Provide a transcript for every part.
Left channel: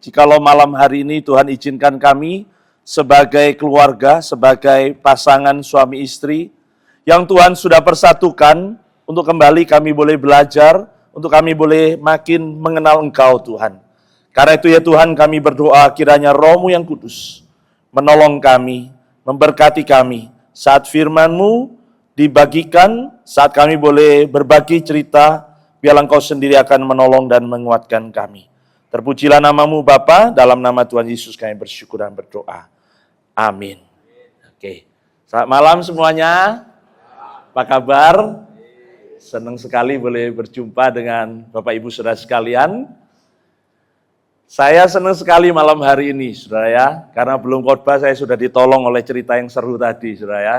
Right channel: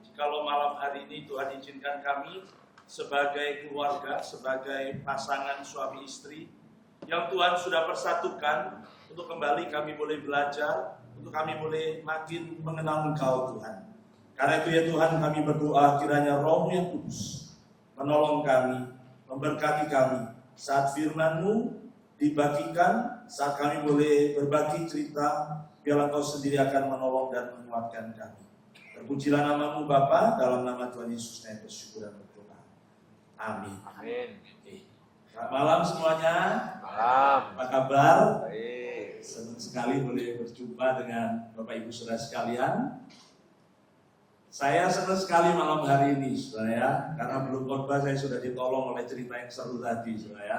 jikalau malam hari ini Tuhan izinkan kami sebagai keluarga, sebagai pasangan suami istri, yang Tuhan sudah persatukan, untuk kembali kami boleh belajar, untuk kami boleh makin mengenal Engkau Tuhan. Karena itu ya Tuhan, kami berdoa kiranya Roh-Mu yang kudus menolong kami, memberkati kami, saat firman-Mu dibagikan, saat kami boleh berbagi cerita, biarlah Engkau sendiri akan menolong dan menguatkan kami. Terpujilah nama-Mu Bapa, dalam nama Tuhan Yesus kami bersyukur dan berdoa. Amin. Oke. Selamat malam semuanya. Apa kabar? Senang sekali boleh berjumpa dengan Bapak Ibu Saudara sekalian. Saya senang sekali malam hari ini, saudara ya, karena belum khotbah saya sudah ditolong oleh cerita yang seru tadi, saudara ya.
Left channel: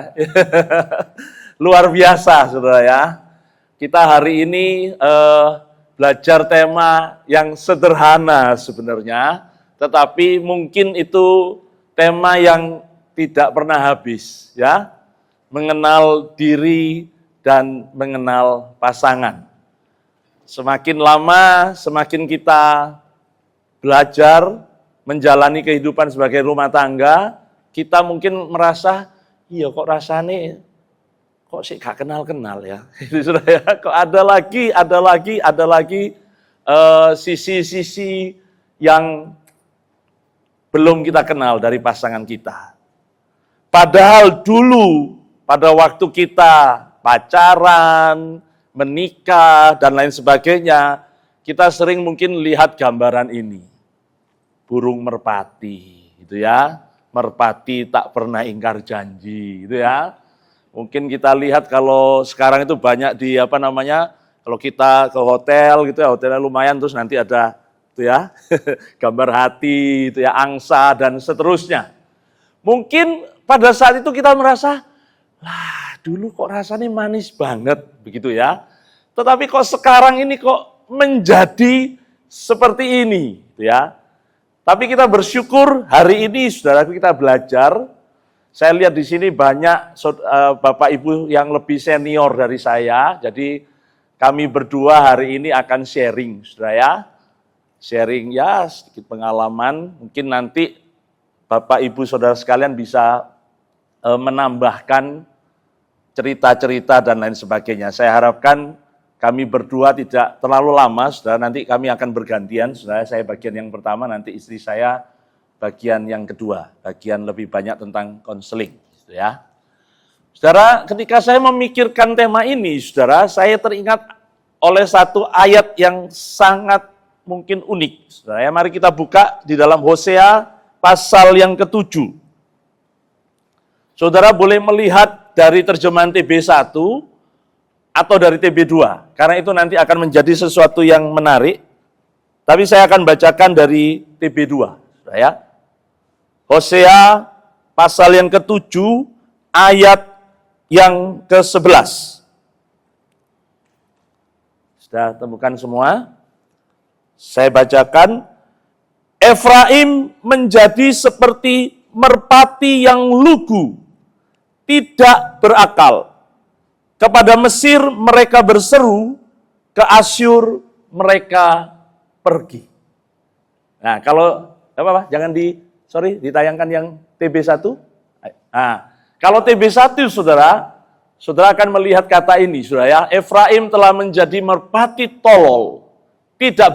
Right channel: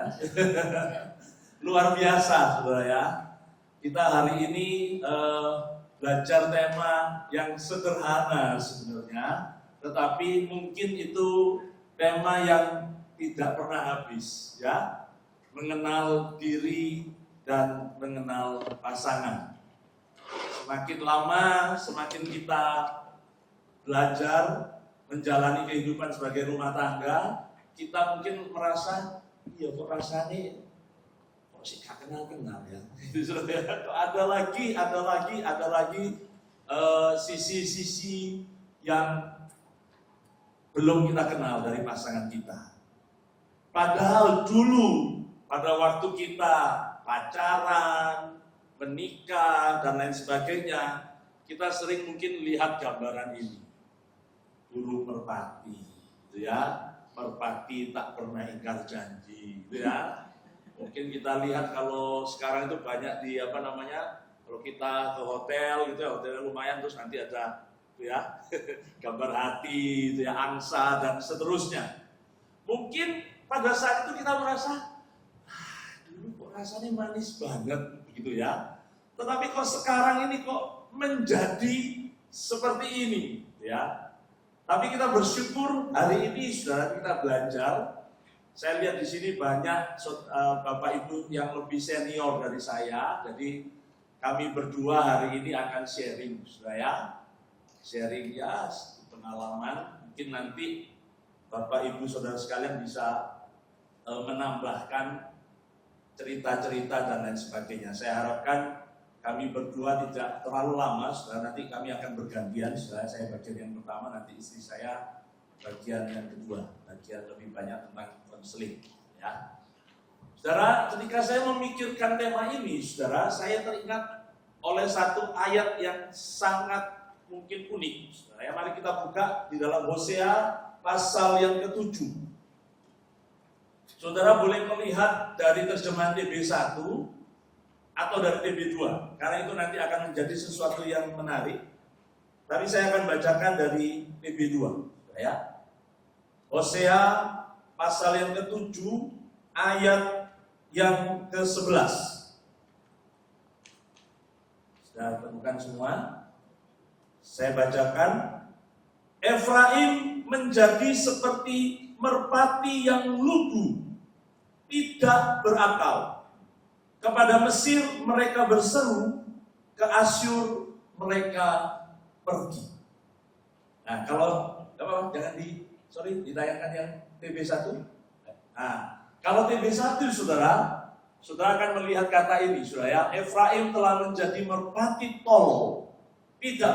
Luar biasa, saudara ya. Kita hari ini belajar tema yang sederhana sebenarnya, tetapi mungkin itu tema yang tidak pernah habis, ya. Mengenal diri dan mengenal pasangan. Semakin lama, semakin kita belajar menjalani kehidupan sebagai rumah tangga, kita mungkin merasa, iya kok rasanya kok sih gak kenal-kenal ya. Kok ada lagi sisi-sisi yang belum kita kenal dari pasangan kita. Padahal dulu pada waktu kita pacaran, menikah dan lain sebagainya, kita sering mungkin lihat gambaran ini. Burung merpati, gitu ya. Merpati tak pernah ingkar janji, gitu ya. Mungkin kita lihat kalau sekarang itu banyak di kalau kita ke hotel gitu ya, hotelnya lumayan terus nanti ada itu ya, gambar hati, itu ya, angsa dan seterusnya. Mungkin pada saat itu kita merasa, lah dulu kok rasanya manis banget begitu ya. Tetapi kok sekarang ini kok menjadi seperti ini, gitu ya. Tapi kita bersyukur hari ini saudara kita belajar. Saya lihat di sini banyak Bapak Ibu yang lebih senior dari saya. Jadi kami berdua hari ini akan sharing, saudara ya. Sharing ya sedikit pengalaman. Mungkin nanti Bapak Ibu saudara sekalian bisa menambahkan cerita-cerita dan lain sebagainya. Saya harapkan kami berdua tidak terlalu lama, saudara. Nanti kami akan bergantian, saudara. Saya bagian yang pertama, nanti istri saya bagian yang kedua, bagian lebih banyak tentang konseling, ya. Saudara, ketika saya memikirkan tema ini, saudara, saya teringat oleh satu ayat yang sangat mungkin unik. Saudara, ya, mari kita buka di dalam Hosea pasal yang ke-7. Saudara boleh melihat dari terjemahan TB1 atau dari TB2, karena itu nanti akan menjadi sesuatu yang menarik. Tapi saya akan bacakan dari TB2, saudara, ya. Hosea pasal yang ke-7 ayat yang ke-11. Sudah temukan semua? Saya bacakan. Efraim menjadi seperti merpati yang lugu, tidak berakal. Kepada Mesir mereka berseru, ke Asyur mereka pergi. Nah, kalau apa-apa jangan ditayangkan yang TB1. Nah, kalau TB1 saudara akan melihat kata ini, saudara ya. Efraim telah menjadi merpati tolol, tidak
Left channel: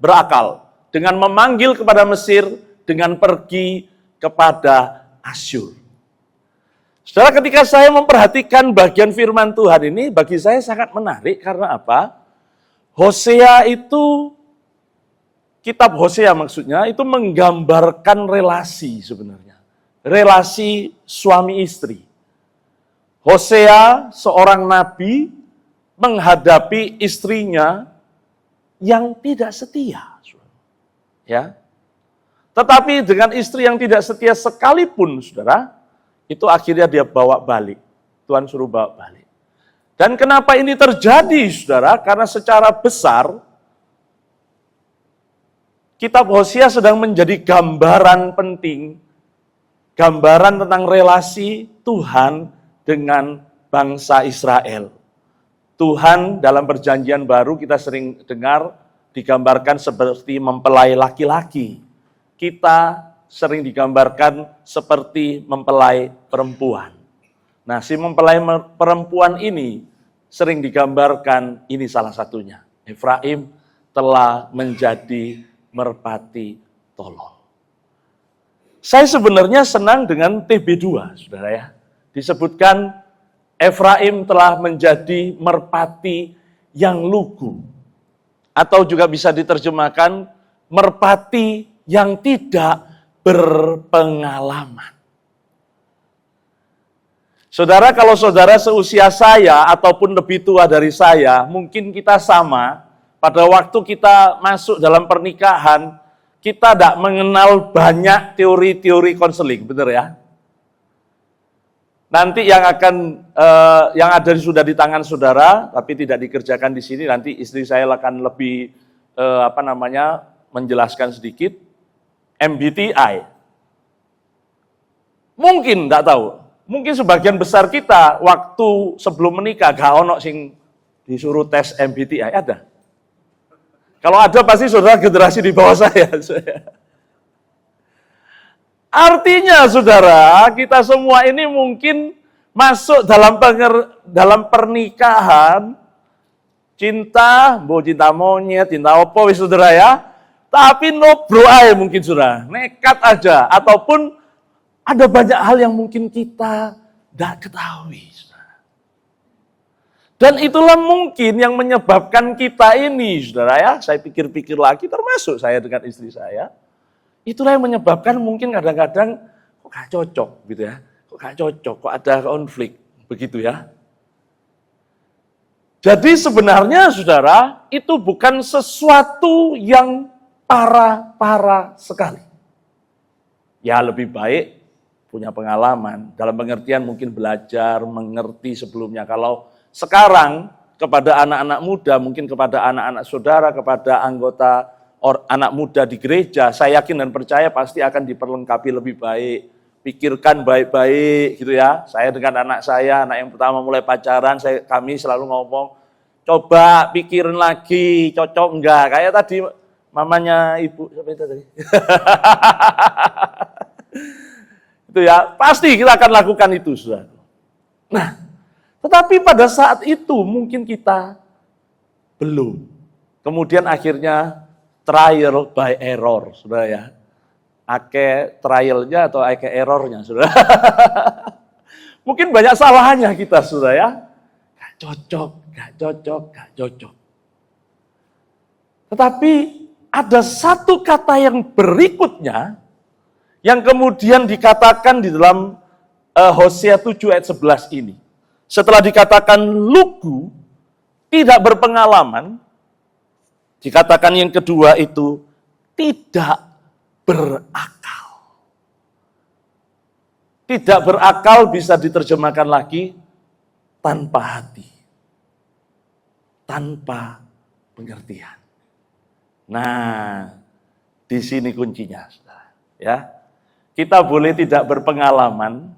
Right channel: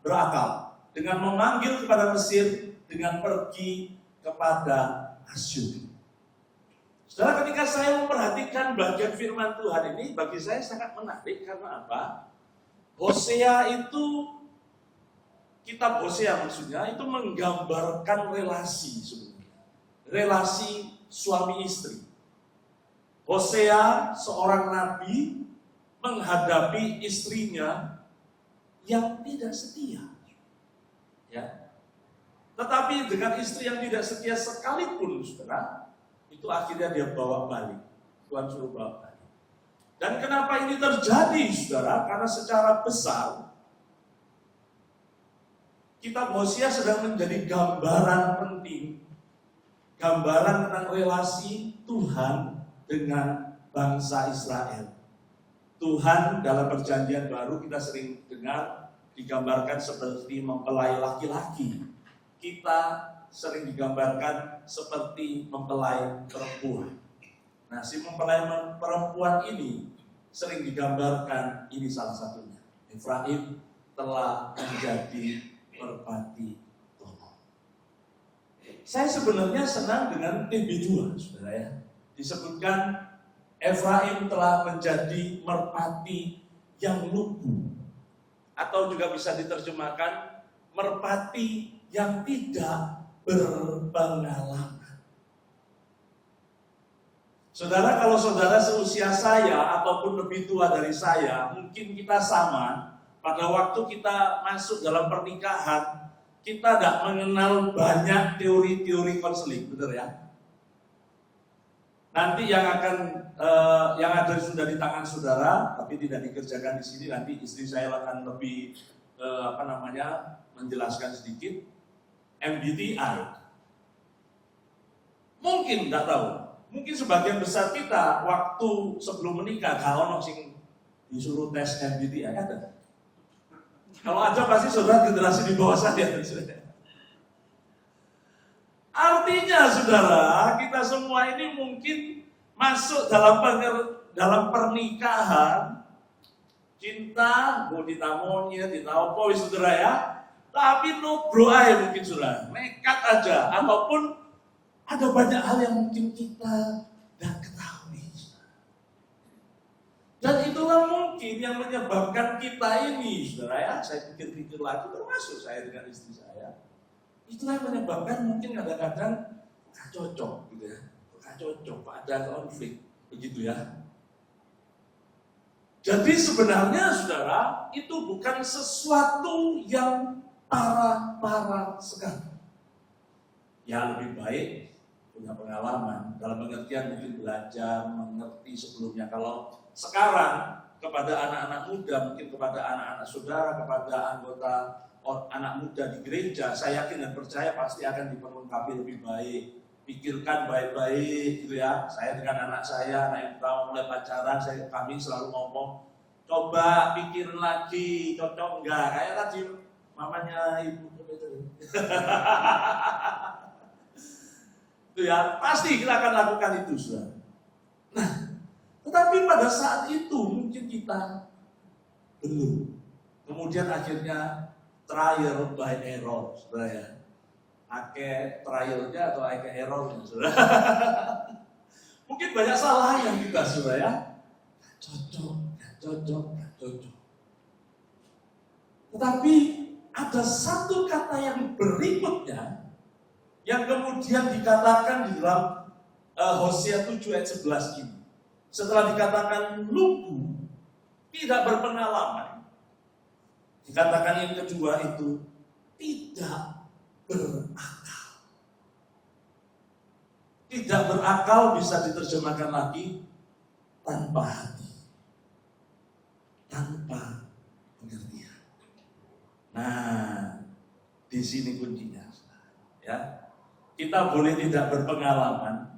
berakal, dengan memanggil kepada Mesir, dengan pergi kepada Asyur. Saudara, ketika saya memperhatikan bagian firman Tuhan ini, bagi saya sangat menarik, karena apa? Hosea itu, kitab Hosea maksudnya, itu menggambarkan relasi sebenarnya. Relasi suami istri. Hosea, seorang nabi, menghadapi istrinya yang tidak setia. Ya. Tetapi dengan istri yang tidak setia sekalipun, saudara, itu akhirnya dia bawa balik. Tuhan suruh bawa balik. Dan kenapa ini terjadi, saudara? Karena secara besar, kitab Hosea sedang menjadi gambaran penting, gambaran tentang relasi Tuhan dengan bangsa Israel. Tuhan dalam perjanjian baru kita sering dengar digambarkan seperti mempelai laki-laki. Kita sering digambarkan seperti mempelai perempuan. Nah, si mempelai perempuan ini sering digambarkan, ini salah satunya. Efraim telah menjadi merpati tolol. Saya sebenarnya senang dengan TB2, saudara ya. Disebutkan Efraim telah menjadi merpati yang lugu. Atau juga bisa diterjemahkan merpati yang tidak berpengalaman. Saudara, kalau saudara seusia saya ataupun lebih tua dari saya, mungkin kita sama. Pada waktu kita masuk dalam pernikahan, kita tidak mengenal banyak teori-teori konseling, benar ya? Nanti yang ada sudah di tangan saudara, tapi tidak dikerjakan di sini. Nanti istri saya akan lebih menjelaskan sedikit. MBTI. Mungkin tidak tahu. Mungkin sebagian besar kita waktu sebelum menikah gak ono sing disuruh tes MBTI, ada. Kalau ada pasti saudara generasi di bawah saya. Artinya saudara, kita semua ini mungkin masuk dalam pernikahan, cinta monyet, cinta opo saudara ya. Tapi no bro aja mungkin saudara, nekat aja. Ataupun ada banyak hal yang mungkin kita tidak ketahui. Saudara. Dan itulah mungkin yang menyebabkan kita ini saudara ya. Saya pikir-pikir lagi termasuk saya dengan istri saya. Itulah yang menyebabkan mungkin kadang-kadang kok gak cocok gitu ya. Kok gak cocok, kok ada konflik. Begitu ya. Jadi sebenarnya saudara, itu bukan sesuatu yang parah sekali. Ya lebih baik punya pengalaman. Dalam pengertian mungkin belajar, mengerti sebelumnya. Kalau sekarang kepada anak-anak muda, mungkin kepada anak-anak saudara, kepada anggota anak muda di gereja, saya yakin dan percaya pasti akan diperlengkapi lebih baik. Pikirkan baik-baik gitu ya. Saya dengan anak saya, anak yang pertama mulai pacaran, kami selalu ngomong, coba pikirin lagi, cocok enggak. Kayak tadi mamanya ibu, siapa itu tadi? Itu ya, pasti kita akan lakukan itu, saudara. Nah, tetapi pada saat itu mungkin kita belum. Kemudian akhirnya trial by error, saudara ya. Ake trialnya atau ake errornya, saudara. Mungkin banyak salahnya kita, saudara ya. Gak cocok. Tetapi ada satu kata yang berikutnya, yang kemudian dikatakan di dalam Hosea 7 ayat 11 ini. Setelah dikatakan lugu, tidak berpengalaman, dikatakan yang kedua itu tidak berakal. Tidak berakal bisa diterjemahkan lagi tanpa hati. Tanpa pengertian. Nah, di sini kuncinya. Ya. Kita boleh tidak berpengalaman,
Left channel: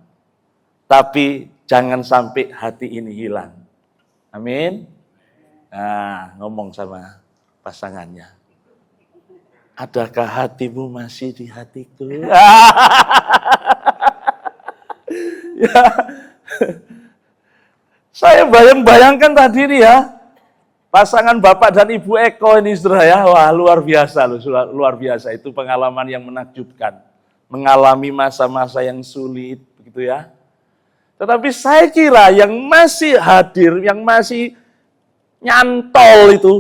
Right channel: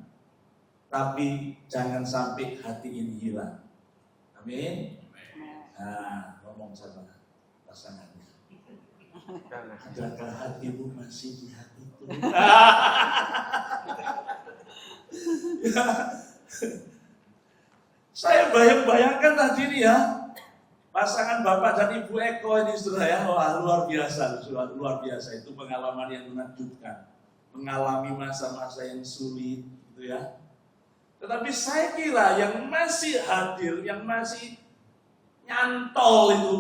tapi jangan sampai hati ini hilang. Amin. Nah, ngomong sama pasangannya. Adakah hatimu masih di hatiku? Ya. Saya bayangkan tadi nih ya, pasangan Bapak dan Ibu Eko ini saudara ya, wah luar biasa loh, luar biasa. Itu pengalaman yang menakjubkan. Mengalami masa-masa yang sulit, begitu ya. Tetapi saya kira yang masih hadir, yang masih nyantol itu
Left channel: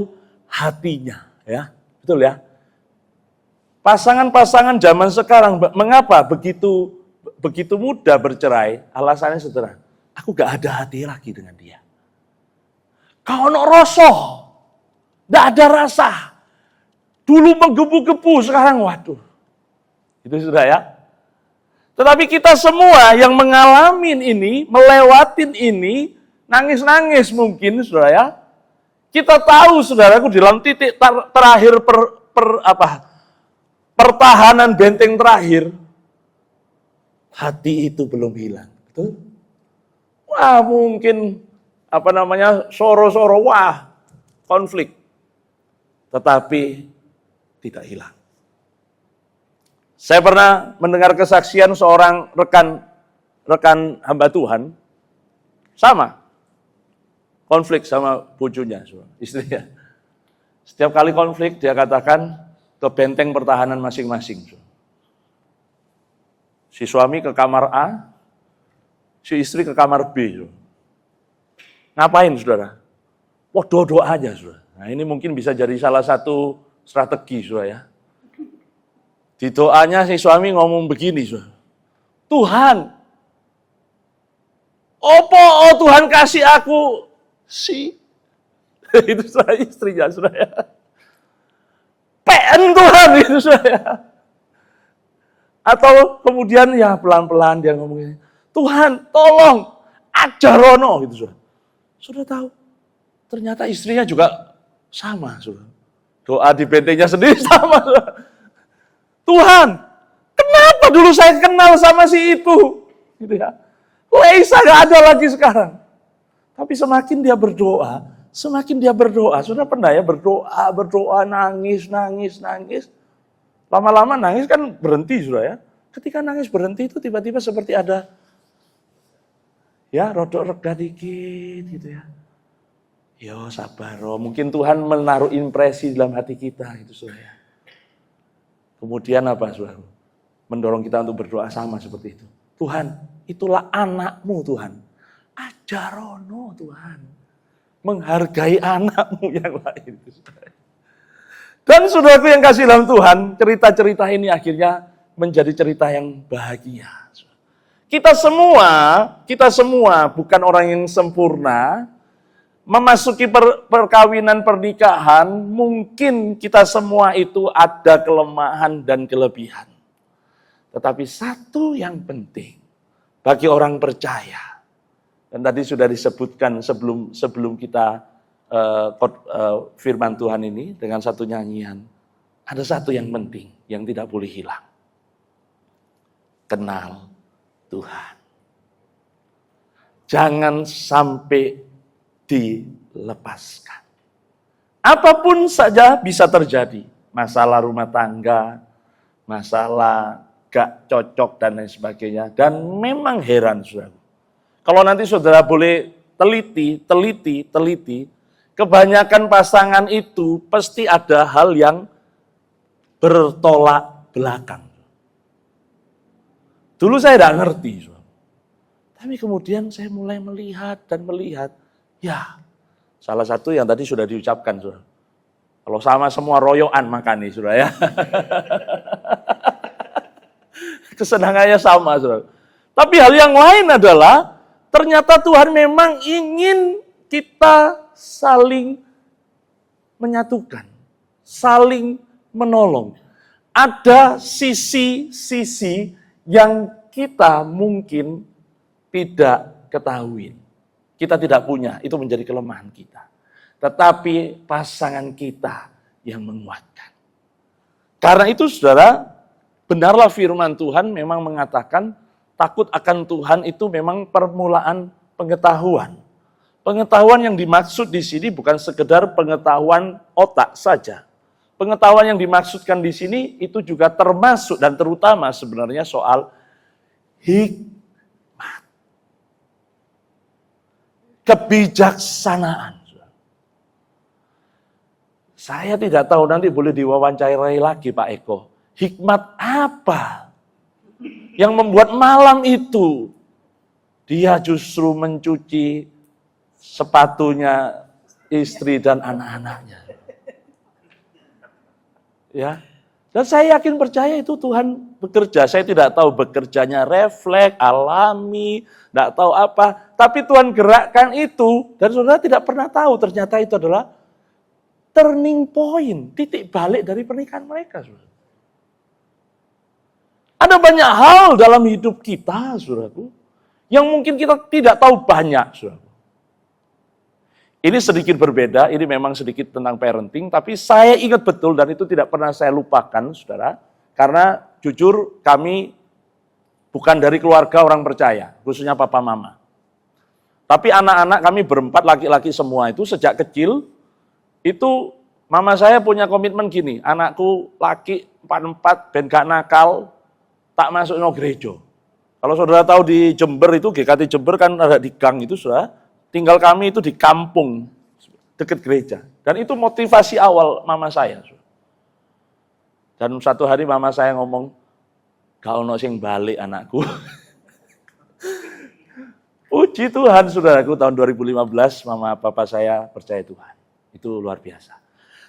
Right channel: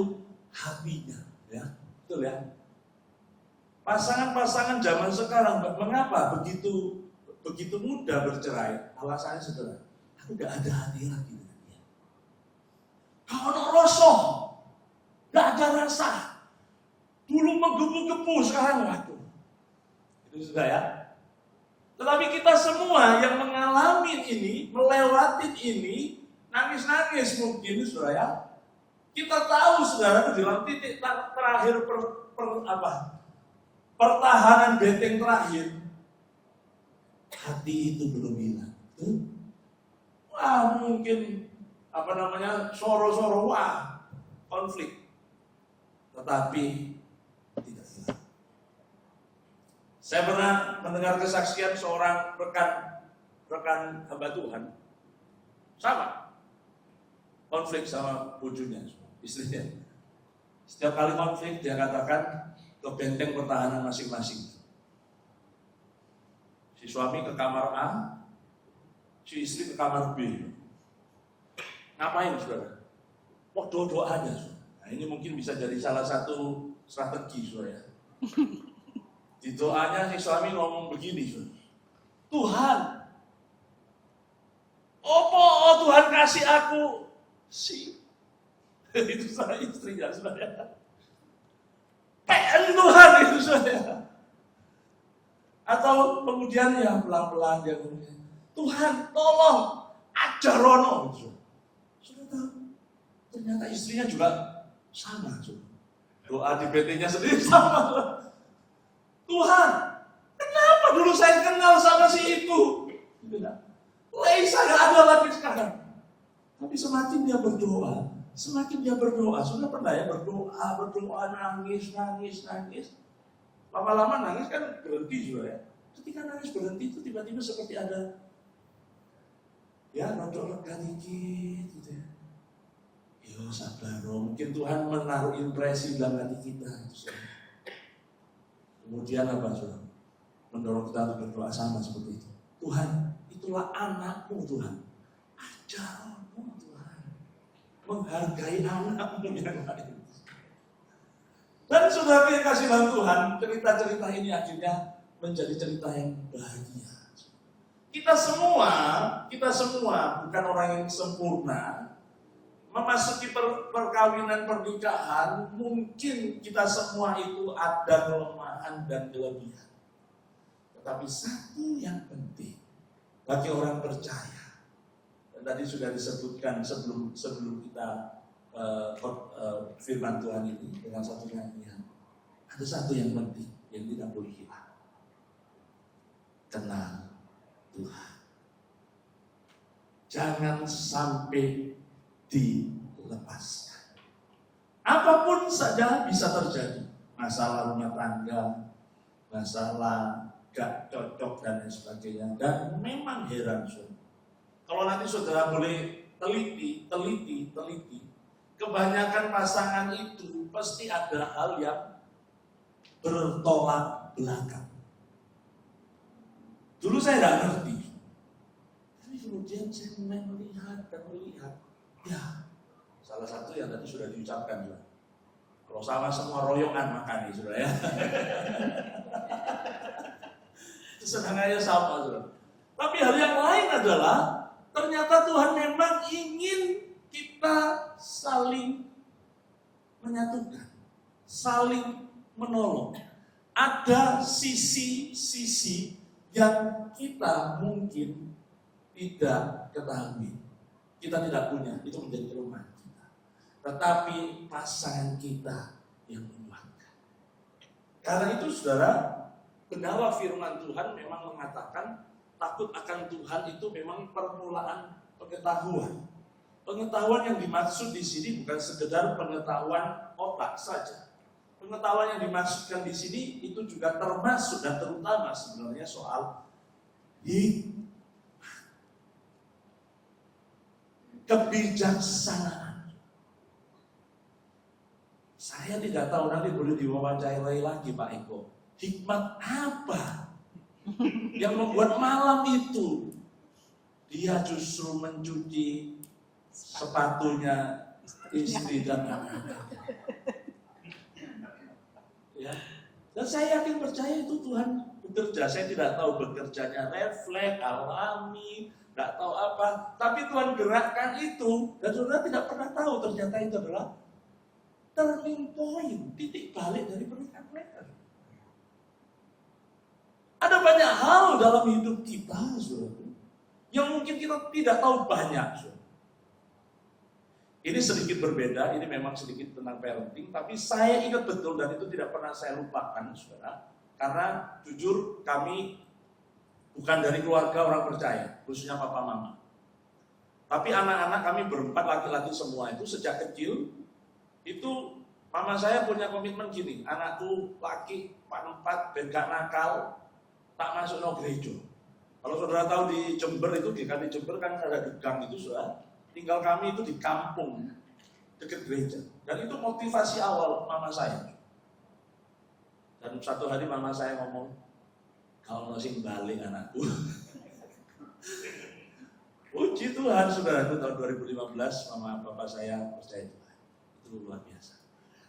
hatinya, ya, betul ya. Pasangan-pasangan zaman sekarang, mengapa begitu mudah bercerai? Alasannya sederhana, aku gak ada hati lagi dengan dia. Kau no rosoh, gak ada rasa. Dulu menggebu-gebu, sekarang waduh. Itu sudah ya. Tetapi kita semua yang mengalami ini, melewatin ini, nangis-nangis mungkin, saudara ya. Kita tahu, saudaraku, di dalam titik terakhir pertahanan benteng terakhir, hati itu belum hilang. Betul? Wah, mungkin soro-soro, wah, konflik. tetapi tidak hilang. Saya pernah mendengar kesaksian seorang rekan hamba Tuhan, sama konflik sama bojonya, istrinya. Setiap kali konflik dia katakan ke benteng pertahanan masing-masing. Si suami ke kamar A, si istri ke kamar B. Ngapain, saudara? Wah, doa aja, saudara. Nah, ini mungkin bisa jadi salah satu strategi, saudara ya. Di doanya si suami ngomong begini, saudara. Tuhan, oh Tuhan kasih aku itu saya istrinya, saudara ya. PN Tuhan, itu saudara. Atau kemudian ya pelan-pelan dia ngomongnya, Tuhan tolong ajarono gitu, saudara. Sudah tahu, ternyata istrinya juga sama, saudara. Doa di bentengnya sendiri sama, saudara. Tuhan, kenapa dulu saya kenal sama si itu? Gitu ya. Leisa gak ada lagi sekarang. Tapi semakin dia berdoa, saudara pernah ya berdoa, nangis. Lama-lama nangis kan berhenti, saudara ya. Ketika nangis berhenti itu tiba-tiba seperti ada, ya rodok reda dikit gitu ya. Yo sabar, mungkin Tuhan menaruh impresi dalam hati kita itu, saudara. Kemudian apa, saudara? Mendorong kita untuk berdoa sama seperti itu. Tuhan, itulah anakmu, Tuhan. Ajarono, Tuhan. Menghargai anakmu yang lain. Dan saudaraku yang kasih dalam Tuhan, cerita-cerita ini akhirnya menjadi cerita yang bahagia. Kita semua bukan orang yang sempurna, memasuki perkawinan pernikahan, mungkin kita semua itu ada kelemahan dan kelebihan. Tetapi satu yang penting bagi orang percaya, dan tadi sudah disebutkan sebelum kita firman Tuhan ini dengan satu nyanyian, ada satu yang penting yang tidak boleh hilang. Kenal Tuhan. Jangan sampai dilepaskan. Apapun saja bisa terjadi. Masalah rumah tangga, masalah gak cocok dan lain sebagainya. Dan memang heran, saudara. Kalau nanti saudara boleh teliti, kebanyakan pasangan itu pasti ada hal yang bertolak belakang. Dulu saya tidak ngerti, saudara. Tapi kemudian saya mulai melihat. Ya, salah satu yang tadi sudah diucapkan, saudara. Kalau sama semua royoan makan nih, saudara ya. Kesenangannya sama, saudara. Tapi hal yang lain adalah, ternyata Tuhan memang ingin kita saling menyatukan, saling menolong. Ada sisi-sisi yang kita mungkin tidak ketahui. Kita tidak punya, itu menjadi kelemahan kita. Tetapi pasangan kita yang menguatkan. Karena itu, saudara, benarlah firman Tuhan memang mengatakan takut akan Tuhan itu memang permulaan pengetahuan. Pengetahuan yang dimaksud di sini bukan sekedar pengetahuan otak saja. Pengetahuan yang dimaksudkan di sini itu juga termasuk dan terutama sebenarnya soal hikmah. Kebijaksanaan. Saya tidak tahu, nanti boleh diwawancarai lagi Pak Eko. Hikmat apa yang membuat malam itu dia justru mencuci sepatunya istri dan anak-anaknya. Ya. Dan saya yakin percaya itu Tuhan bekerja. Saya tidak tahu bekerjanya refleks, alami, tidak tahu apa. Tapi Tuhan gerakkan itu, dan saudara tidak pernah tahu ternyata itu adalah turning point, titik balik dari pernikahan mereka. Saudara. Ada banyak hal dalam hidup kita, saudaraku, yang mungkin kita tidak tahu banyak, saudara. Ini sedikit berbeda, ini memang sedikit tentang parenting, tapi saya ingat betul dan itu tidak pernah saya lupakan, saudara. Karena jujur kami bukan dari keluarga orang percaya, khususnya papa mama. Tapi anak-anak kami berempat, laki-laki semua itu sejak kecil, itu Mama saya punya komitmen gini, anakku laki 44 ben gak nakal, tak masuk no gereja. Kalau saudara tahu di Jember itu, GKT Jember kan ada di gang itu, saudara. Tinggal kami itu di kampung, dekat gereja. Dan itu motivasi awal mama saya. Dan satu hari mama saya ngomong, gak ono sing balik anakku. Puji Tuhan, saudaraku, tahun 2015 mama papa saya percaya Tuhan. Itu luar biasa.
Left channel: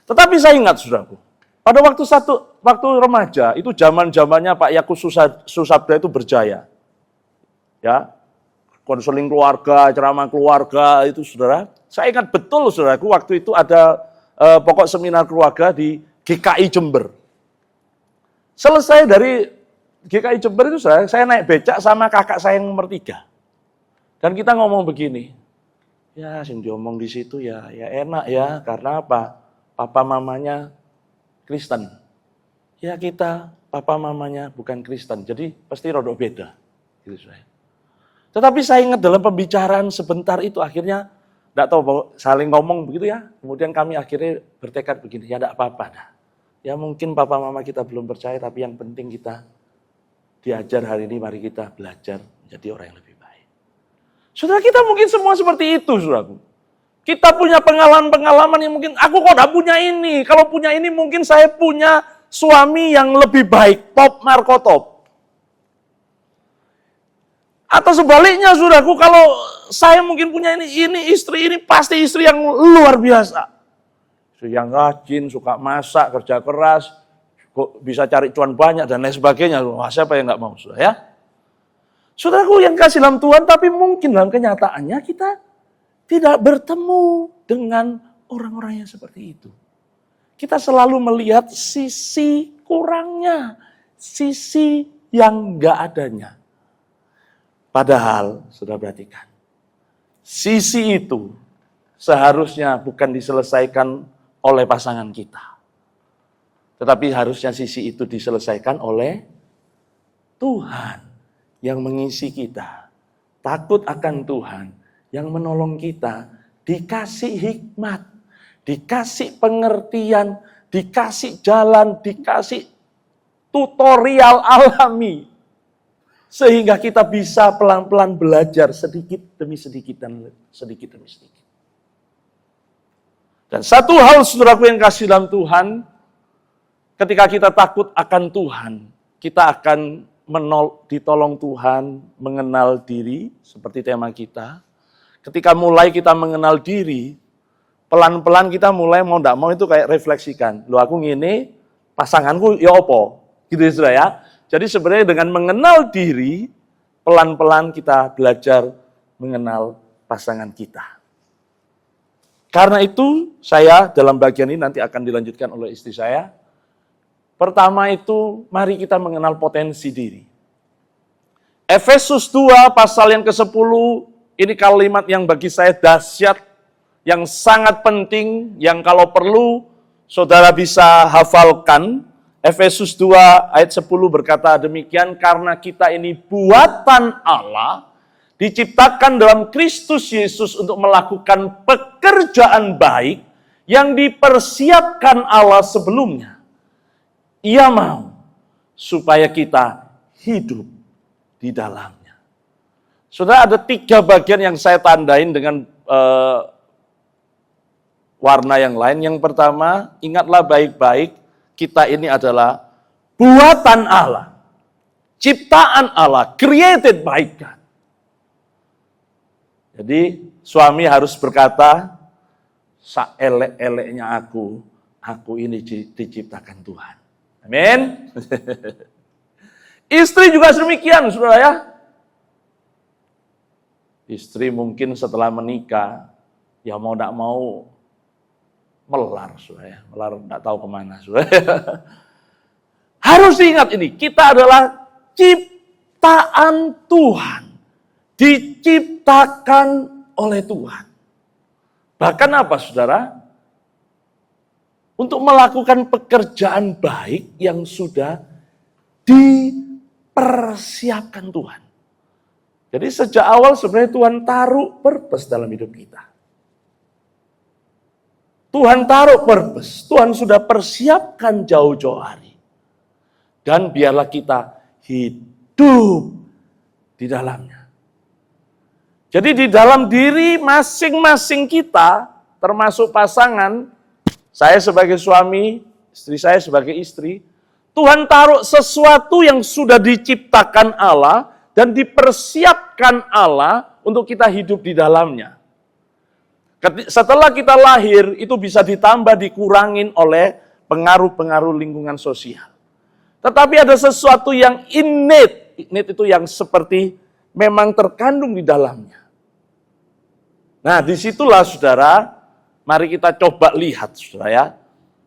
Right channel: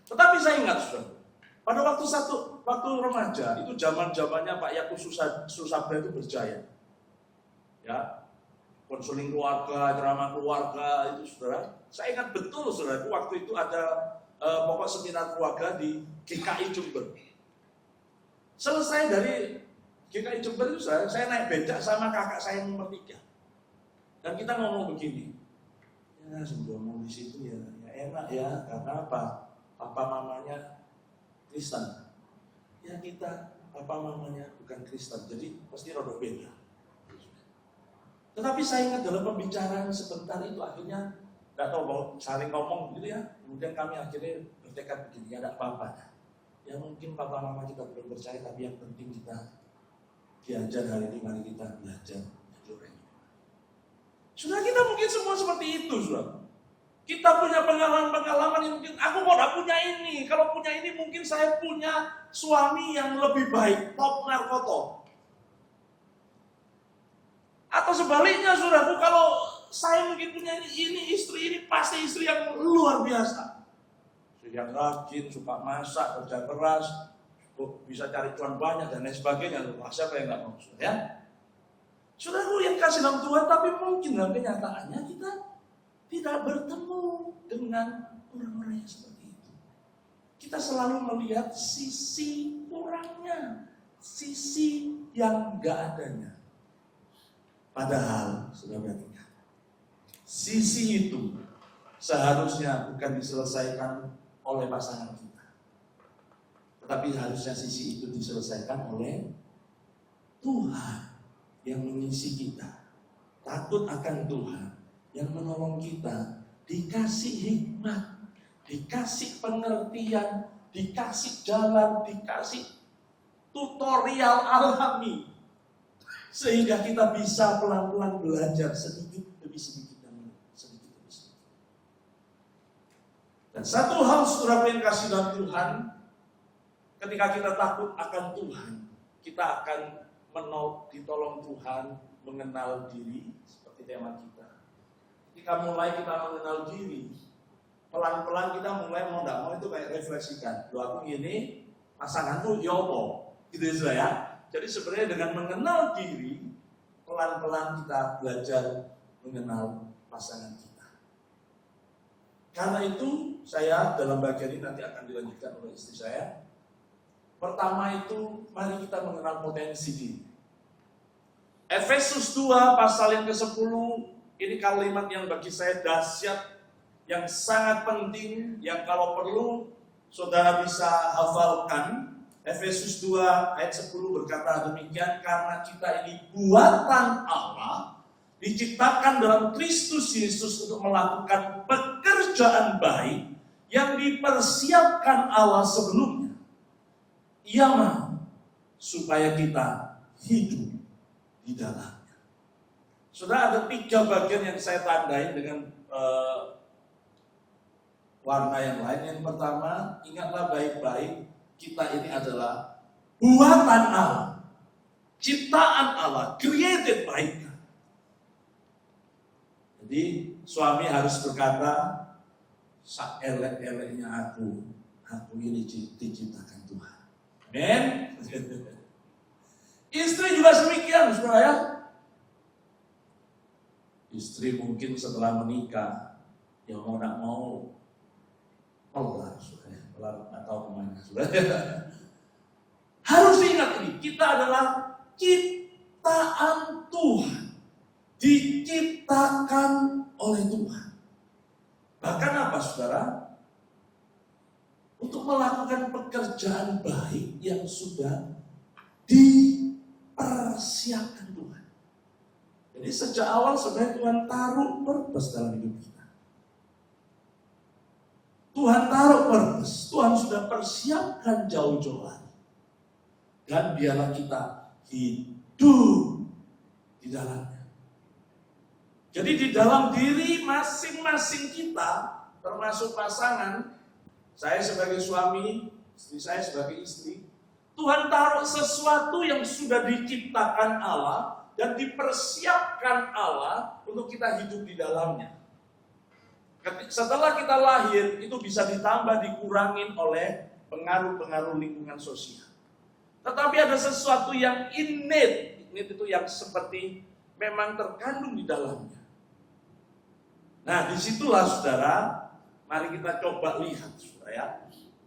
Tetapi saya ingat, saudaraku, pada waktu remaja, itu zaman-zamannya Pak Yakub Susabda itu berjaya. Ya, konseling keluarga, ceramah keluarga itu, saudara. Saya ingat betul, saudaraku, waktu itu ada pokok seminar keluarga di GKI Jember. Selesai dari GKI Jember itu, saya naik becak sama kakak saya yang nomor 3. Dan kita ngomong begini, ya sing diomong di situ ya enak ya, karena apa? Papa mamanya Kristen. Ya kita, papa mamanya bukan Kristen, jadi pasti rodok beda. Gitu saya. Tetapi saya ingat dalam pembicaraan sebentar itu akhirnya, tidak tahu saling ngomong begitu ya, kemudian kami akhirnya bertekad begini, ya tidak apa-apa dah. Ya mungkin papa mama kita belum percaya, tapi yang penting kita diajar hari ini, mari kita belajar menjadi orang yang lebih baik. Saudara, kita mungkin semua seperti itu, saudaraku. Kita punya pengalaman-pengalaman yang mungkin, aku kok tidak punya ini. Kalau punya ini mungkin saya punya suami yang lebih baik, top Marco top. Atau sebaliknya, saudaraku, kalau saya mungkin punya ini istri ini pasti istri yang luar biasa. Yang rajin, suka masak, kerja keras, kok bisa cari cuan banyak dan lain sebagainya. Wah, siapa yang nggak mau, saudara ya? Saudaraku yang kasih dalam Tuhan, tapi mungkin dalam kenyataannya kita tidak bertemu dengan orang-orang yang seperti itu. Kita selalu melihat sisi kurangnya, sisi yang nggak adanya. Padahal, sudah perhatikan, sisi itu seharusnya bukan diselesaikan oleh pasangan kita. Tetapi harusnya sisi itu diselesaikan oleh Tuhan yang mengisi kita. Takut akan Tuhan yang menolong kita, dikasih hikmat, dikasih pengertian, dikasih jalan, dikasih tutorial alami. Sehingga kita bisa pelan-pelan belajar sedikit demi sedikit dan sedikit demi sedikit. Dan satu hal, saudaraku yang kasih dalam Tuhan, ketika kita takut akan Tuhan, kita akan ditolong Tuhan mengenal diri, seperti tema kita. Ketika mulai kita mengenal diri, pelan-pelan kita mulai mau tidak mau itu kayak refleksikan. Loh aku ngene, pasanganku ya opo? Gitu ya, ya. Jadi sebenarnya dengan mengenal diri, pelan-pelan kita belajar mengenal pasangan kita. Karena itu saya dalam bagian ini nanti akan dilanjutkan oleh istri saya. Pertama itu mari kita mengenal potensi diri. Efesus 2 pasal yang ke-10, ini kalimat yang bagi saya dahsyat, yang sangat penting, yang kalau perlu saudara bisa hafalkan. Efesus 2 ayat 10 berkata demikian, karena kita ini buatan Allah, diciptakan dalam Kristus Yesus untuk melakukan pekerjaan baik yang dipersiapkan Allah sebelumnya. Ia mau supaya kita hidup di dalamnya. Saudara, ada 3 bagian yang saya tandain dengan warna yang lain. Yang pertama, ingatlah baik-baik, kita ini adalah buatan Allah, ciptaan Allah, created by God. Jadi suami harus berkata, saelek-eleknya aku ini diciptakan Tuhan. Amin. Istri juga demikian, saudara ya. Istri mungkin setelah menikah, ya mau tidak mau melar, saudara ya. Melar tidak tahu kemana, saudara. Harus diingat ini, kita adalah ciptaan Tuhan. Diciptakan oleh Tuhan. Bahkan apa, saudara? Untuk melakukan pekerjaan baik yang sudah dipersiapkan Tuhan. Jadi sejak awal sebenarnya Tuhan taruh purpose dalam hidup kita. Tuhan taruh purpose, Tuhan sudah persiapkan jauh-jauh hari. Dan biarlah kita hidup di dalamnya. Jadi di dalam diri masing-masing kita, termasuk pasangan, saya sebagai suami, istri saya sebagai istri, Tuhan taruh sesuatu yang sudah diciptakan Allah dan dipersiapkan Allah untuk kita hidup di dalamnya. Setelah kita lahir, itu bisa ditambah, dikurangin oleh pengaruh-pengaruh lingkungan sosial. Tetapi ada sesuatu yang innate. Innate itu yang seperti memang terkandung di dalamnya. Nah, disitulah saudara, mari kita coba lihat saudara ya.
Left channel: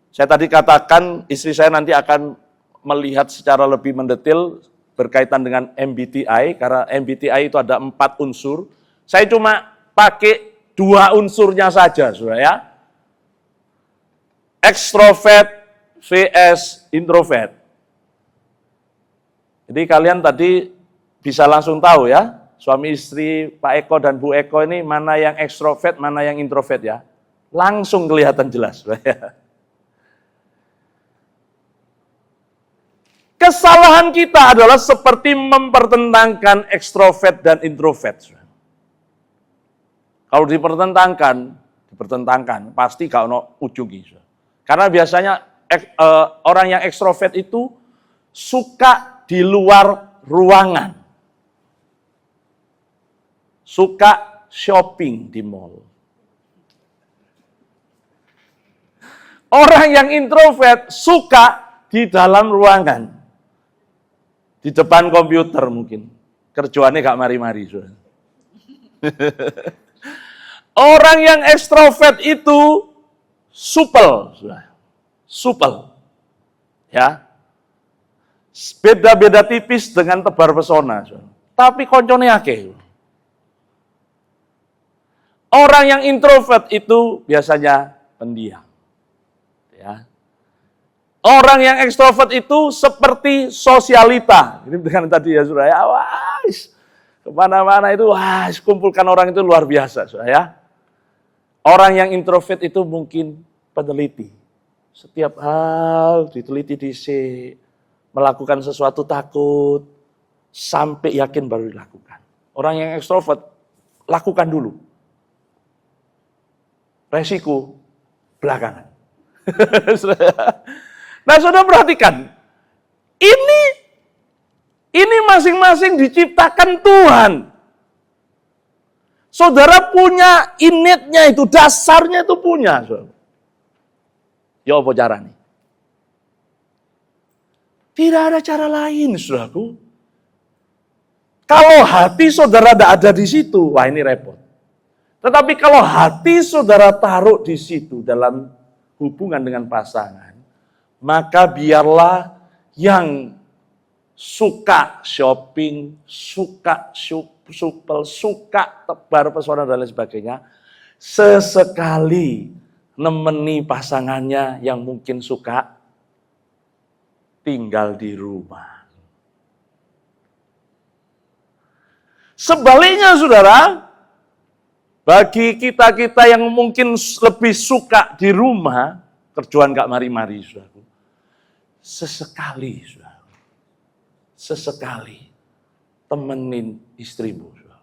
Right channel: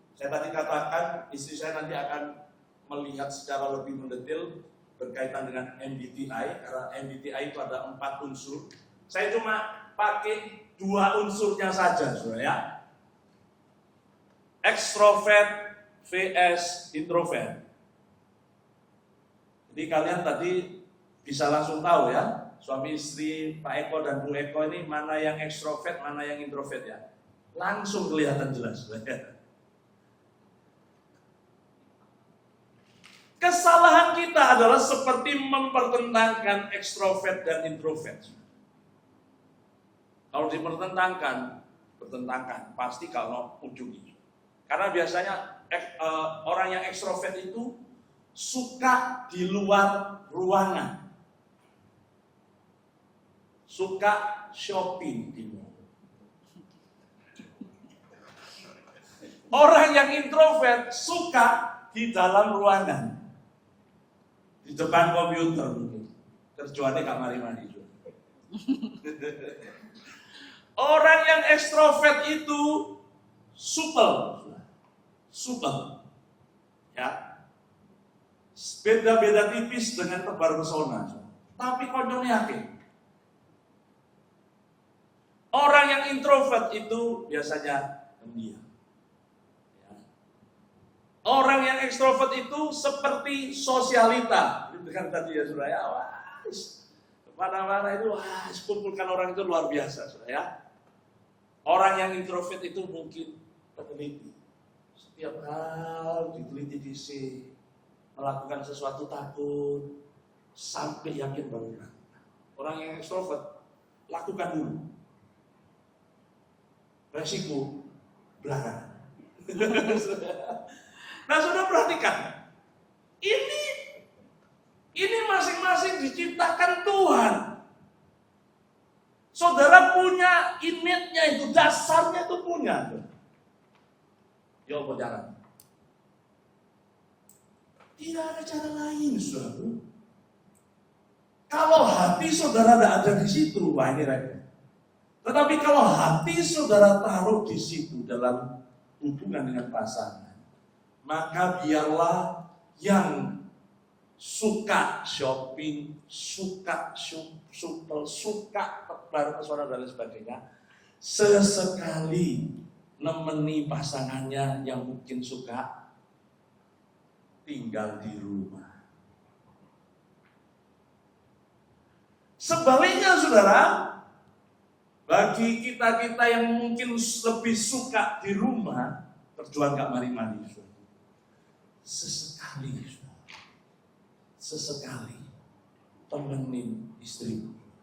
Saya tadi katakan istri saya nanti akan melihat secara lebih mendetail berkaitan dengan MBTI, karena MBTI itu ada 4 unsur. Saya cuma pakai 2 unsurnya saja saudara ya. Extrovert vs introvert. Jadi kalian tadi bisa langsung tahu ya, suami istri Pak Eko dan Bu Eko ini mana yang ekstrovert, mana yang introvert ya. Langsung kelihatan jelas. Kesalahan kita adalah seperti mempertentangkan ekstrovert dan introvert. Kalau dipertentangkan, pasti gak ono ujungnya. Karena biasanya orang yang ekstrovert itu suka di luar ruangan. Suka shopping di mall. Orang yang introvert suka di dalam ruangan. Di depan komputer mungkin. Kerjaannya gak mari-mari. Orang yang ekstrovert itu supel. Supel. Ya. Beda-beda tipis dengan tebar pesona. Tapi koncone akeh. Orang yang introvert itu biasanya pendiam. Ya. Orang yang ekstrovert itu seperti sosialita. Ini dengan tadi ya saudara ya. Wah, kemana-mana itu kumpulkan orang itu luar biasa saudara ya. Orang yang introvert itu mungkin peneliti. Setiap hal diteliti dhisik. Melakukan sesuatu takut, sampai yakin baru dilakukan. Orang yang ekstrovert, lakukan dulu. Resiko, belakangan. Nah, saudara perhatikan. Ini masing-masing diciptakan Tuhan. Saudara punya innate-nya itu, dasarnya itu punya. Saudara. Ya apa caranya? Tidak ada cara lain, saudaraku. Kalau hati saudara tidak ada di situ, wah ini repot. Tetapi kalau hati saudara taruh di situ dalam hubungan dengan pasangan, maka biarlah yang suka shopping, suka supel, suka tebar pesona dan lain sebagainya, sesekali nemeni pasangannya yang mungkin suka tinggal di rumah. Sebaliknya saudara, bagi kita-kita yang mungkin lebih suka di rumah, kerjaan gak mari-mari saudara. Sesekali saudara. Sesekali temenin istrimu saudara.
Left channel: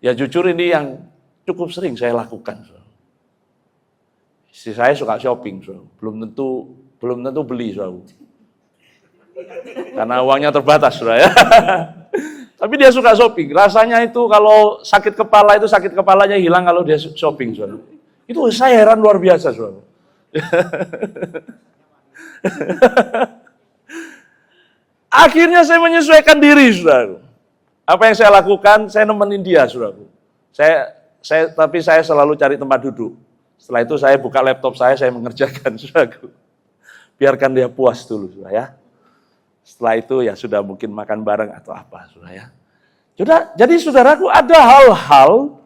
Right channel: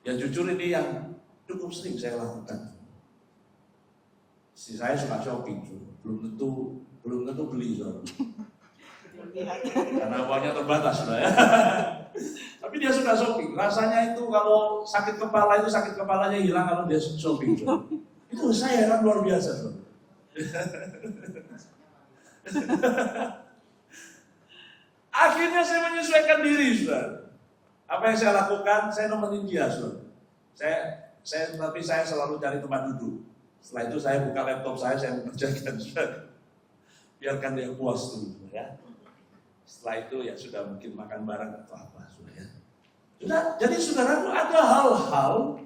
Ya jujur ini yang cukup sering saya lakukan saudara. Istri saya suka shopping saudara. Belum tentu beli, saudara. Karena uangnya terbatas, saudara ya. Tapi dia suka shopping. Rasanya itu kalau sakit kepala itu sakit kepalanya hilang kalau dia shopping, saudara. Itu saya heran luar biasa, saudara. Akhirnya saya menyesuaikan diri, saudara. Apa yang saya lakukan? Saya nemenin dia, saudara. Tapi saya selalu cari tempat duduk. Setelah itu saya buka laptop saya mengerjakan, saudara. Biarkan dia puas dulu, saudara ya. Setelah itu ya sudah mungkin makan bareng atau apa, saudara ya. Jadi saudaraku ada hal-hal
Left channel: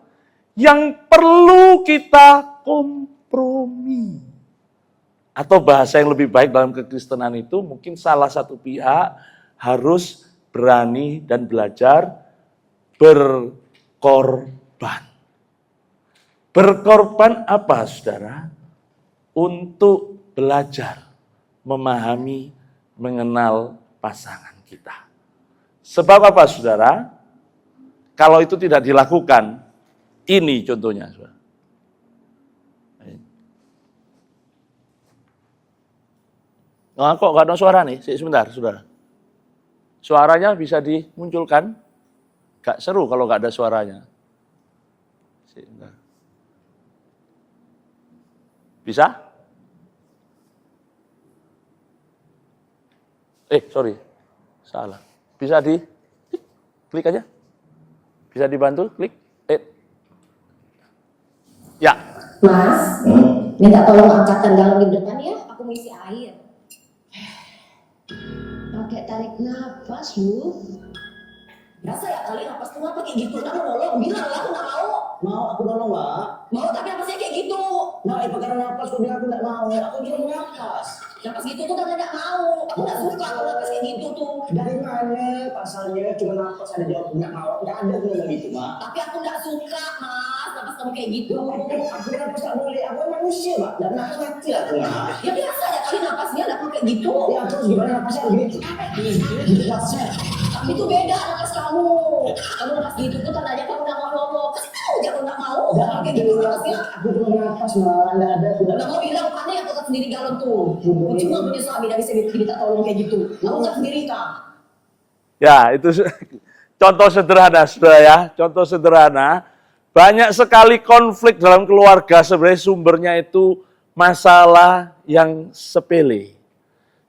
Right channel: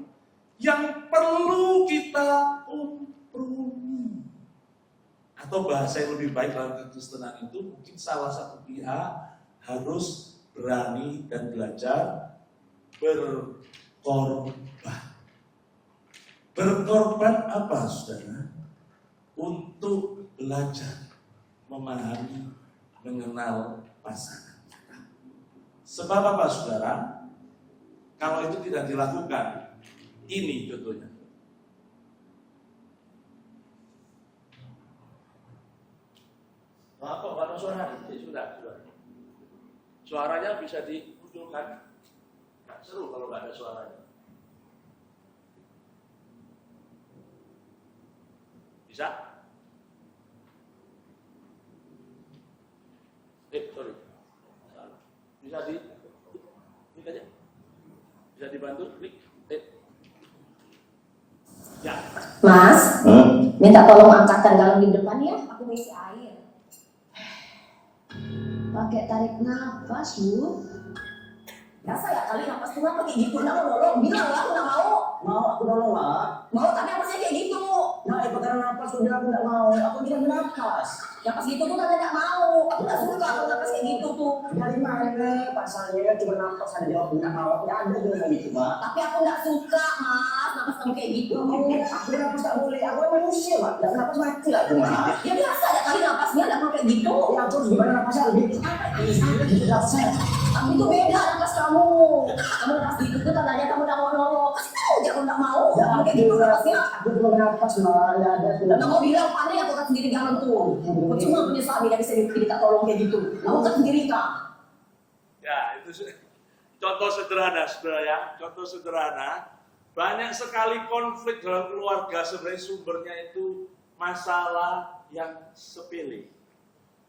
yang perlu kita kompromi. Atau bahasa yang lebih baik dalam kekristenan itu mungkin salah satu pihak harus berani dan belajar berkorban. Berkorban apa, saudara? Untuk belajar, memahami, mengenal pasangan kita. Sebab apa, saudara? Kalau itu tidak dilakukan, ini contohnya, saudara. Nah, kok nggak ada suara nih? Sebentar, saudara. Suaranya bisa dimunculkan? Gak seru kalau nggak ada suaranya. Sebentar. Bisa? Sorry. Salah. Bisa klik aja? Bisa dibantu? Klik. Ya. Mas, minta tolong angkatkan galon di depan ya, aku mau isi air. Pakai tarik nafas, Bu. Biasa ya kali nafas tengah pakai gitu, nak nolong. Bilang lah, aku nggak mau. Mau aku nolong nggak? Mau tapi nafasnya kayak gitu. Nah, perkara nafas udah aku nggak mau. Aku bilang nafas. Nafas gitu tuh kan nggak mau. Aku nggak suka kalau nafas kayak gitu tuh. Dari mana pasalnya cuma nafas ada jawab nggak mau? Nggak ada ngomong gitu, Mak. Tapi aku nggak suka, Mas. Nafas kamu kayak gitu. Aku nafas nggak boleh. Aku manusia, Mak. Dan nafas mati lah, Mak. Ya biasa ya kali nafasnya nggak mau kayak gitu. Ya terus gimana nafasnya gitu? Nafasnya. Tapi itu beda nafas kamu. Kamu nafas gitu tuh tandanya kamu nggak mau nolong. Kasih tahu dia kalau nggak mau. Jangan kayak gitu nafasnya. Aku cuma nafas, Mak. Nggak ada. Kamu bilang panik aku kan sendiri galon tuh. Cuma punya suami dan bisa minta tolong kayak gitu. Kamu kan sendiri kak. Ya, itu contoh sederhana, saudara ya. Contoh sederhana. Banyak sekali konflik dalam keluarga sebenarnya sumbernya itu masalah yang sepele.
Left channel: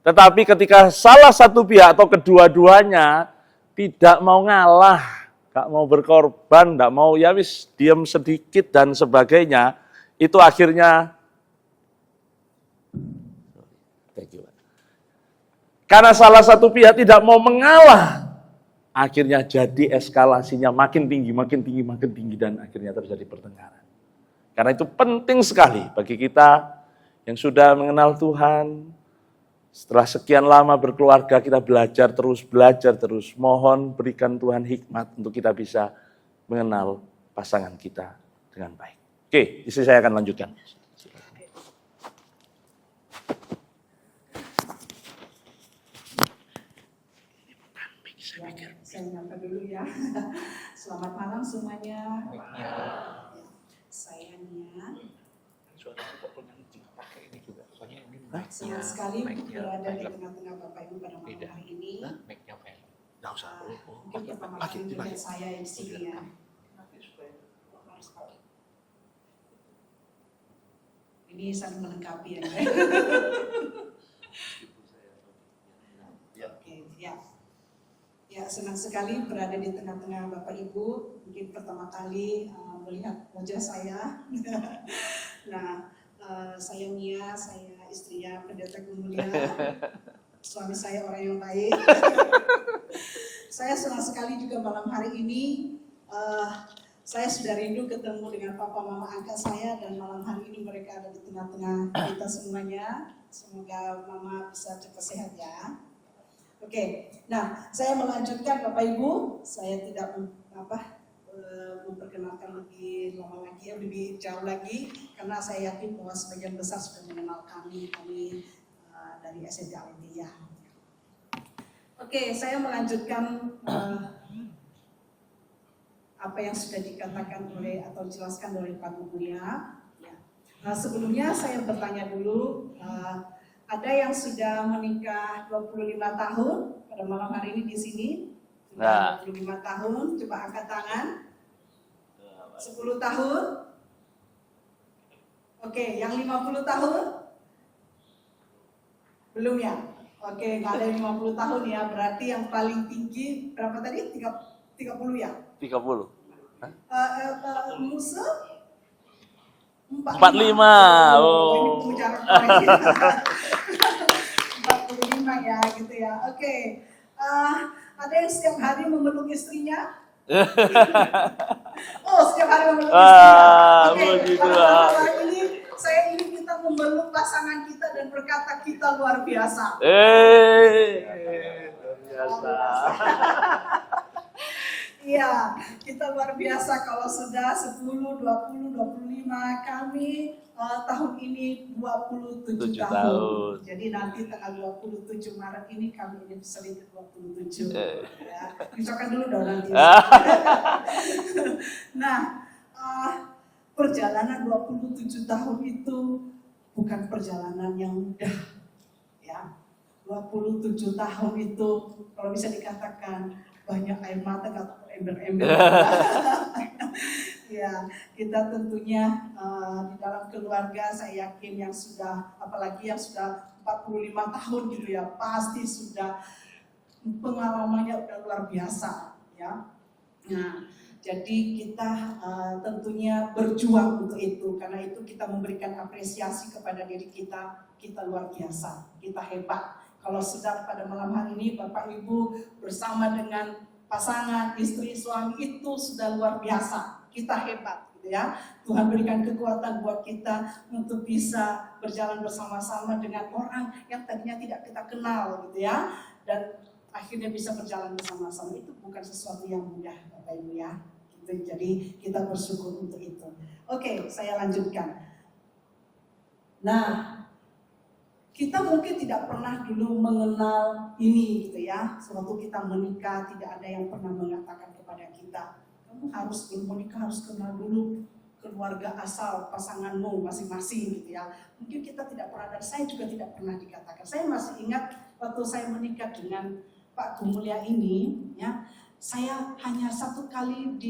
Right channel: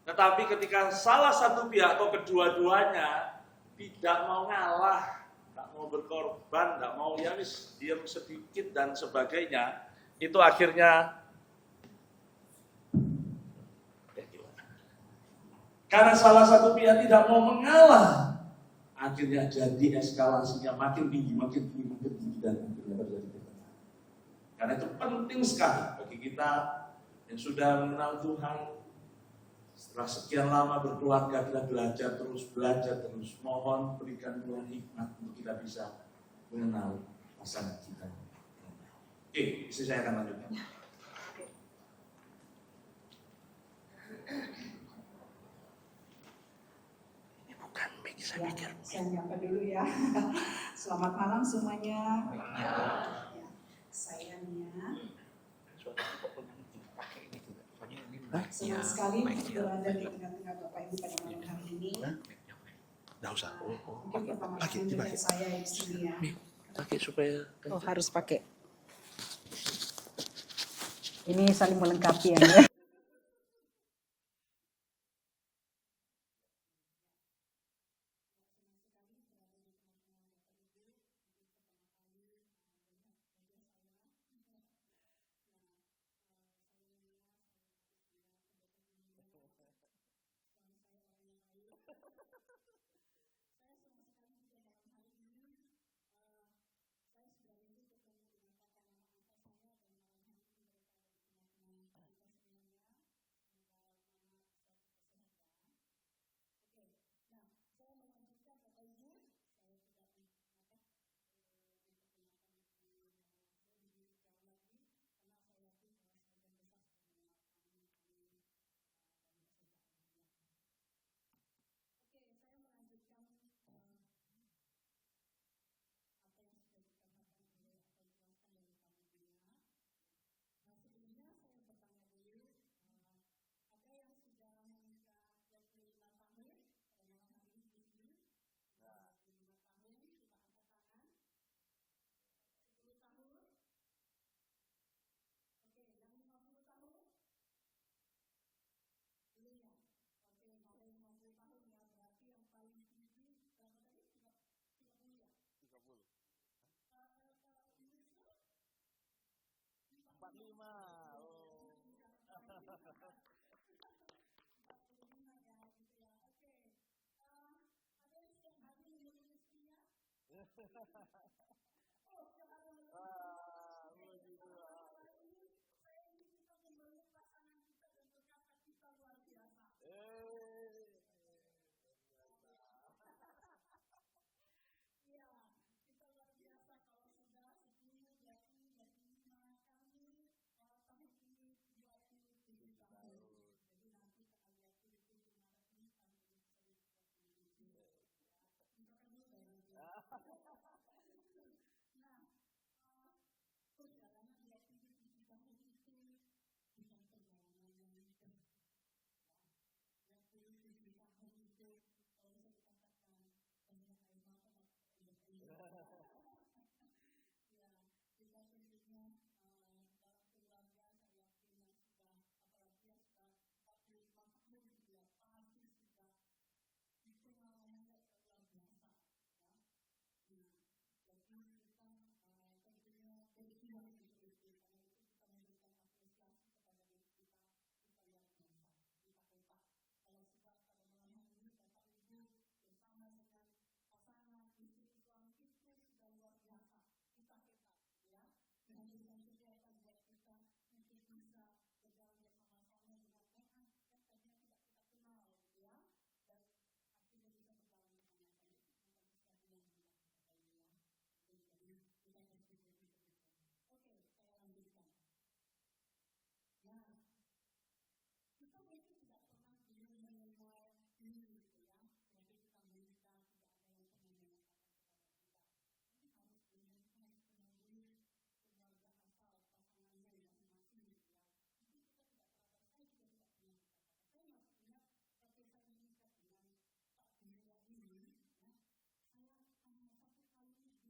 Tetapi ketika salah satu pihak atau kedua-duanya tidak mau ngalah, tak mau berkorban, tak mau ya wis diam sedikit dan sebagainya, itu akhirnya karena salah satu pihak tidak mau mengalah, akhirnya jadi eskalasinya makin tinggi, dan akhirnya terjadi pertengkaran. Karena itu penting sekali bagi kita yang sudah mengenal Tuhan, setelah sekian lama berkeluarga kita belajar terus. Mohon berikan Tuhan hikmat untuk kita bisa mengenal pasangan kita dengan baik. Oke, istri saya akan lanjutkan. Ya, saya nyapa dulu ya. Selamat malam semuanya. Saya Nia. Senang sekali berada di tengah-tengah Bapak Ibu pada malam hari ini. Nggak usah. Mungkin pertama kali melihat saya di sini ya. Pakai supaya. Harus pakai. Ini saling melengkapi ya. Ya, senang sekali berada di tengah-tengah Bapak Ibu. Mungkin pertama kali melihat wajah saya. Nah, saya Nia, saya istrinya Pendeta Gumulia. Suami saya orang yang baik. Saya senang sekali juga malam hari ini. Saya sudah rindu ketemu dengan papa mama angkat saya, dan malam hari ini mereka ada di tengah-tengah kita semuanya. Semoga mama bisa cepat sehat ya. Oke, nah saya melanjutkan Bapak Ibu, saya tidak memperkenalkan lebih lama lagi, lebih jauh lagi, karena saya yakin bahwa sebagian besar sudah mengenal kami dari SMK Alendia. Oke, saya melanjutkan apa yang sudah dikatakan oleh atau dijelaskan oleh Pak Gumulia. Sebelumnya saya bertanya dulu. Ada yang sudah menikah 25 tahun pada malam hari ini di sini. Sudah 25 tahun, coba angkat tangan. 10 tahun. Oke, yang 50 tahun? Belum ya? Oke, nggak ada yang 50 tahun ya. Berarti yang paling tinggi berapa tadi? 30 ya? 30. Musuh? 45. Oh. Ini jarak 45 ya, gitu ya. Oke. Ada yang setiap hari memeluk istrinya? Oh, setiap hari memeluk istrinya. Oke. Pada malam ini saya ingin kita memeluk pasangan kita dan berkata kita luar biasa. Luar biasa. Iya, kita luar biasa kalau sudah 10, 20, 25, Nah, kami tahun ini 27 7 tahun. tahun. Jadi nanti tanggal 27 Maret ini kami anniversary ke-27. Ya, ucapkan dulu dong nanti. Nah, perjalanan 27 tahun itu bukan perjalanan yang mudah. Ya, 27 tahun itu kalau bisa dikatakan banyak air mata atau ember-ember. Ya, kita tentunya di dalam keluarga saya yakin yang sudah, apalagi yang sudah 45 tahun gitu ya, pasti sudah pengalamannya udah luar biasa ya. Nah, jadi kita tentunya berjuang untuk itu, karena itu kita memberikan apresiasi kepada diri kita luar biasa, kita hebat. Kalau sudah pada malam hari ini Bapak Ibu bersama dengan pasangan, istri, suami itu sudah luar biasa. Kita hebat gitu ya. Tuhan berikan kekuatan buat kita untuk bisa berjalan bersama-sama dengan orang yang tadinya tidak kita kenal gitu ya. Dan akhirnya bisa berjalan bersama-sama. Itu bukan sesuatu yang mudah Bapak Ibu ya. Gitu. Jadi kita bersyukur untuk itu. Oke, saya lanjutkan. Nah, kita mungkin tidak pernah dulu mengenal ini gitu ya. Sewaktu kita menikah tidak ada yang pernah mengatakan kepada kita, kamu harus menikah harus kenal dulu keluarga asal pasanganmu masing-masing gitu ya. Mungkin kita tidak pernah, dan saya juga tidak pernah dikatakan. Saya masih ingat waktu saya menikah dengan Pak Gumulya ini ya, saya hanya satu kali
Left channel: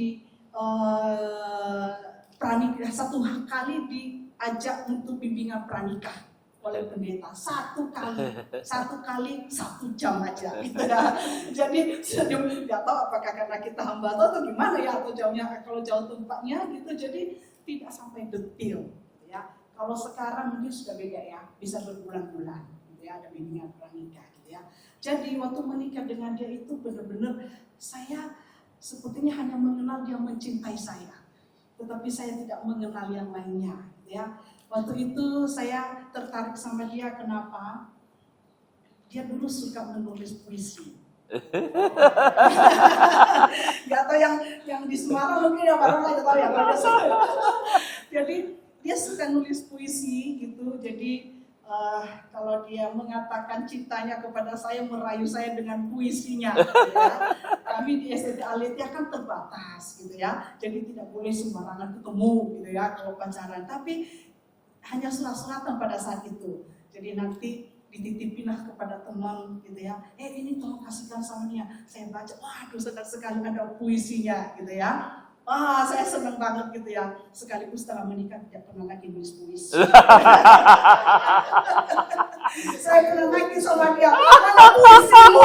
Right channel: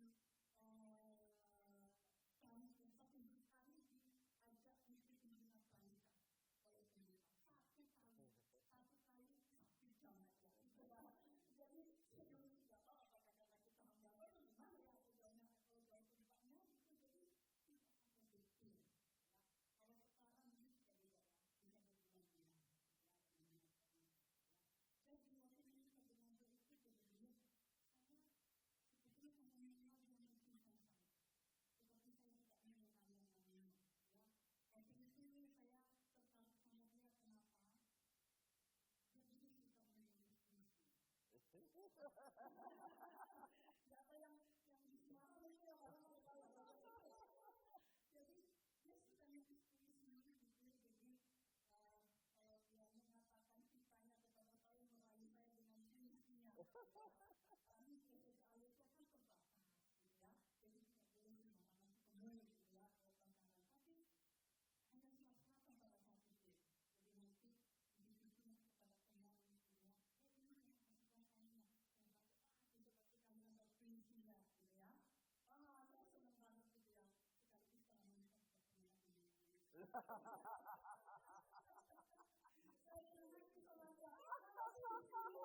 satu kali diajak untuk bimbingan pranikah oleh pendeta, satu kali 1 jam aja gitu ya. Jadi nggak tahu apakah karena kita hamba atau gimana ya, atau jauhnya, kalau jauh tempatnya gitu, jadi tidak sampai detil ya. Kalau sekarang mungkin sudah beda ya, bisa berbulan-bulan gitu ya, ada bimbingan pranikah gitu ya. Jadi waktu menikah dengan dia itu benar-benar saya sepertinya hanya mengenal dia mencintai saya, tetapi saya tidak mengenal yang lainnya gitu ya. Waktu itu saya tertarik sama dia, kenapa? Dia dulu suka menulis puisi. Gak tau yang di Semarang mungkin yang baru nggak tahu ya. Jadi dia suka nulis puisi gitu. Jadi kalau dia mengatakan cintanya kepada saya, merayu saya dengan puisinya. Gitu ya. Kami di SDT Aletia kan terbatas gitu ya. Jadi tidak boleh sembarangan ketemu gitu ya kalau pacaran. Tapi hanya surat-suratan pada saat itu. Jadi nanti dititipinlah kepada teman gitu ya. Ini tolong kasihkan sama dia. Saya baca, waduh senang sekali ada puisinya gitu ya. Wah, saya senang banget gitu ya. Sekaligus setelah menikah tidak pernah lagi nulis puisi. Saya pernah nangis sama dia, mana puisimu?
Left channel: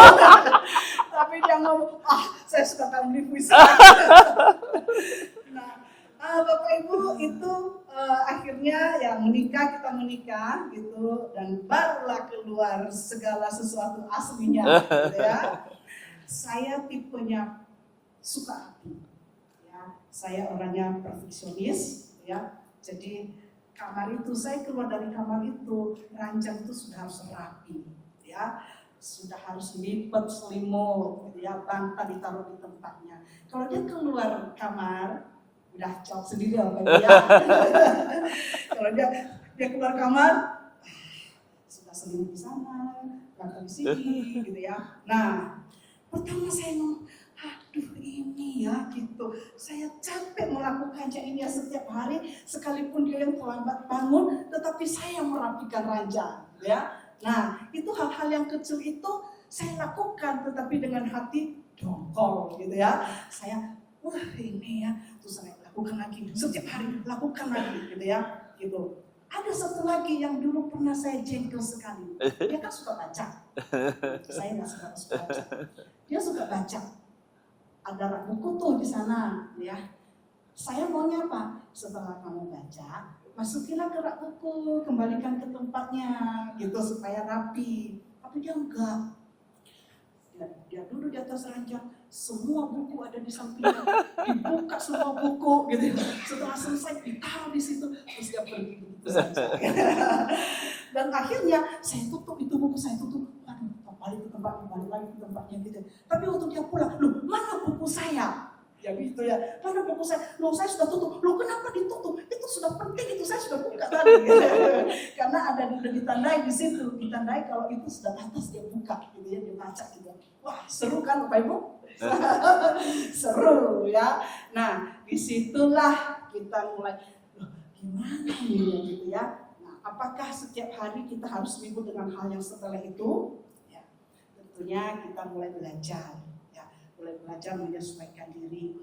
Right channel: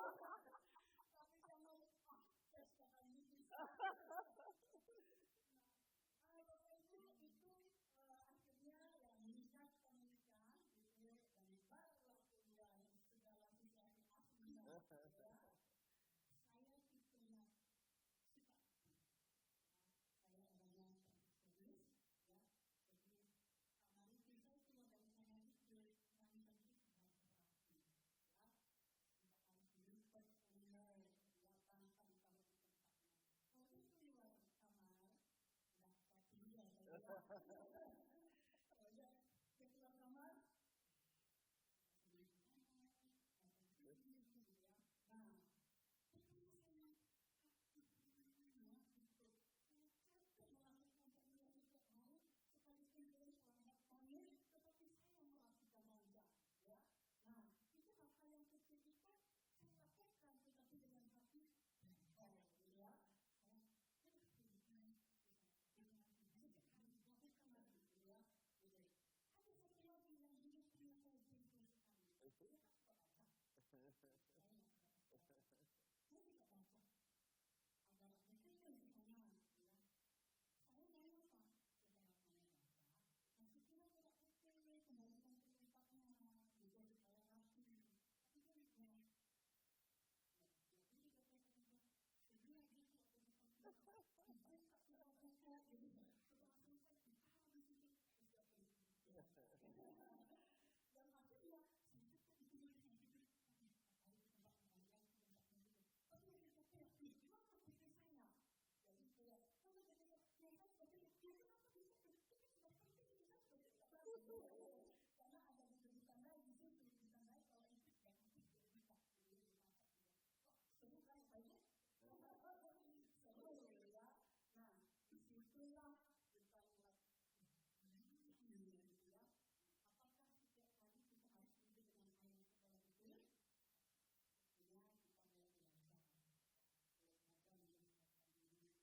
Tapi dia ngomong, saya suka kali nulis puisi. Nah, Bapak Ibu itu akhirnya ya kita menikah gitu, dan barulah keluar segala sesuatu aslinya gitu ya. Saya tipenya suka rapi ya. Saya orangnya perfeksionis ya. Jadi kamar itu, saya keluar dari kamar itu, ranjang itu sudah harus rapi ya. Sudah harus lipat, selimut gitu ya, bantal ditaruh di tempatnya. Kalau dia keluar kamar udah jawab sendiri apa ya. Kalau dia keluar kamar sudah selimut di sana, bantal di sini gitu ya. Nah, pertama saya ngomong, aduh ini ya gitu. Saya capek melakukannya ini ya setiap hari, sekalipun dia yang terlambat bangun, tetapi saya yang merapikan ranjang ya. Nah, itu hal-hal yang kecil itu saya lakukan, tetapi dengan hati dongkol gitu ya. Saya, wah ini ya, terus saya lakukan lagi, setiap hari lakukan lagi gitu ya, gitu. Ada satu lagi yang dulu pernah saya jengkel sekali. Dia kan suka baca. Saya nggak suka baca. Dia suka baca. Ada rak buku tuh di sana, ya. Saya maunya apa? Setelah kamu baca, masukinlah ke rak buku, kembalikan ke tempatnya, gitu supaya rapi. Tapi dia enggak. Dia duduk di atas ranjang. Semua buku ada di sampingnya, dibuka semua buku gitu. Setelah selesai ditaruh di situ, terus dia pergi begitu saja. Dan akhirnya saya tutup itu buku, saya tutup. Waduh, balik ke tempatnya, balik lagi ke tempatnya gitu. Tapi waktu dia pulang, loh mana buku saya? Ya gitu ya. Mana buku saya? Loh, saya sudah tutup. Loh, kenapa ditutup? Itu sudah penting, itu saya sudah buka tadi. Gitu. Karena ada ditandai di situ, ditandai kalau itu sudah atas dia buka, gitu ya, dia baca gitu. Wah, seru kan Bapak Ibu? Seru ya. Nah, disitulah kita mulai, loh, gimana ini gitu ya. Nah, apakah setiap hari kita harus ribut dengan hal yang setelah itu? Ya, tentunya kita mulai belajar. Mulai belajar menyesuaikan diri.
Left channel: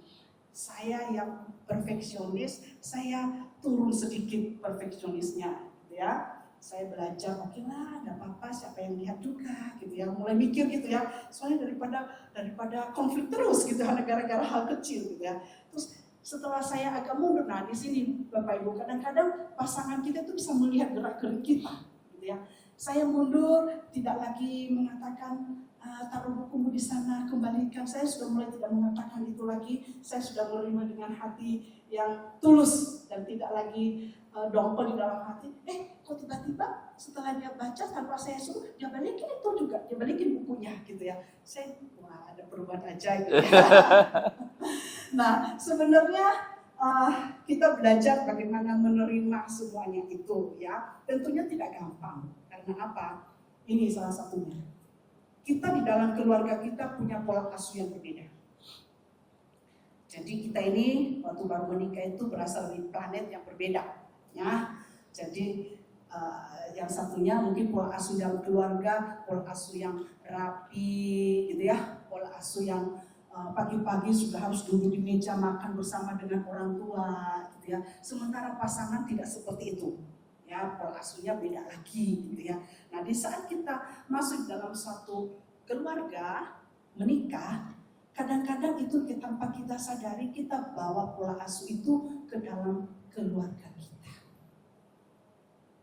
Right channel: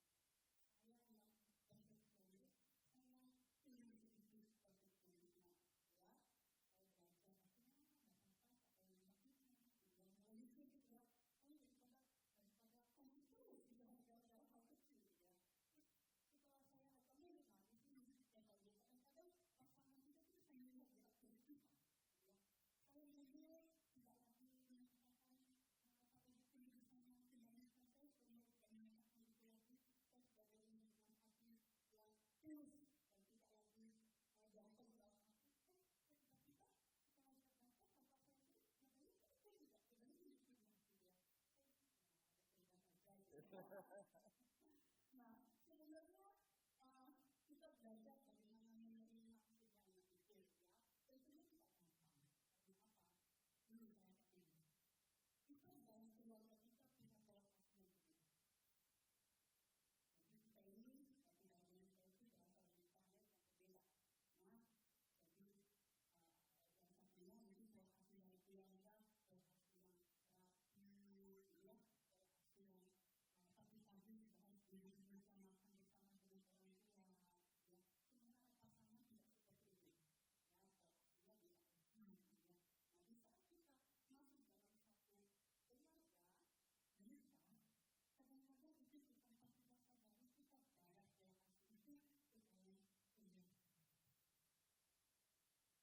Saya yang perfeksionis, saya turun sedikit perfeksionisnya, gitu ya. Saya belajar, oke lah, nggak apa-apa, siapa yang lihat juga, gitu ya. Mulai mikir gitu ya. Soalnya daripada konflik terus, gitu, gara-gara hal kecil, gitu ya. Terus setelah saya agak mundur, nah di sini Bapak Ibu, kadang-kadang pasangan kita itu bisa melihat gerak-gerik kita, gitu ya. Saya mundur, tidak lagi mengatakan taruh bukumu di sana, kembalikan. Saya sudah mulai tidak mengatakan itu lagi. Saya sudah menerima dengan hati yang tulus dan tidak lagi dongkol di dalam hati. Kok tiba-tiba setelah dia baca tanpa saya suruh, dia balikin itu juga, dia balikin bukunya gitu ya. Saya, wah, ada perubahan aja gitu ya. Nah, sebenarnya kita belajar bagaimana menerima semuanya itu ya. Tentunya tidak gampang. Karena apa? Ini salah satunya. Kita di dalam keluarga kita punya pola asuh yang berbeda. Jadi kita ini waktu baru menikah itu berasal dari planet yang berbeda, ya. Jadi yang satunya mungkin pola asuh dalam keluarga, pola asuh yang rapi, gitu ya, pola asuh yang pagi-pagi sudah harus duduk di meja makan bersama dengan orang tua, gitu ya. Sementara pasangan tidak seperti itu. Ya, pola asuhnya beda lagi gitu ya. Nah, di saat kita masuk dalam suatu keluarga, menikah, kadang-kadang itu tanpa kita sadari kita bawa pola asuh itu ke dalam keluarga kita.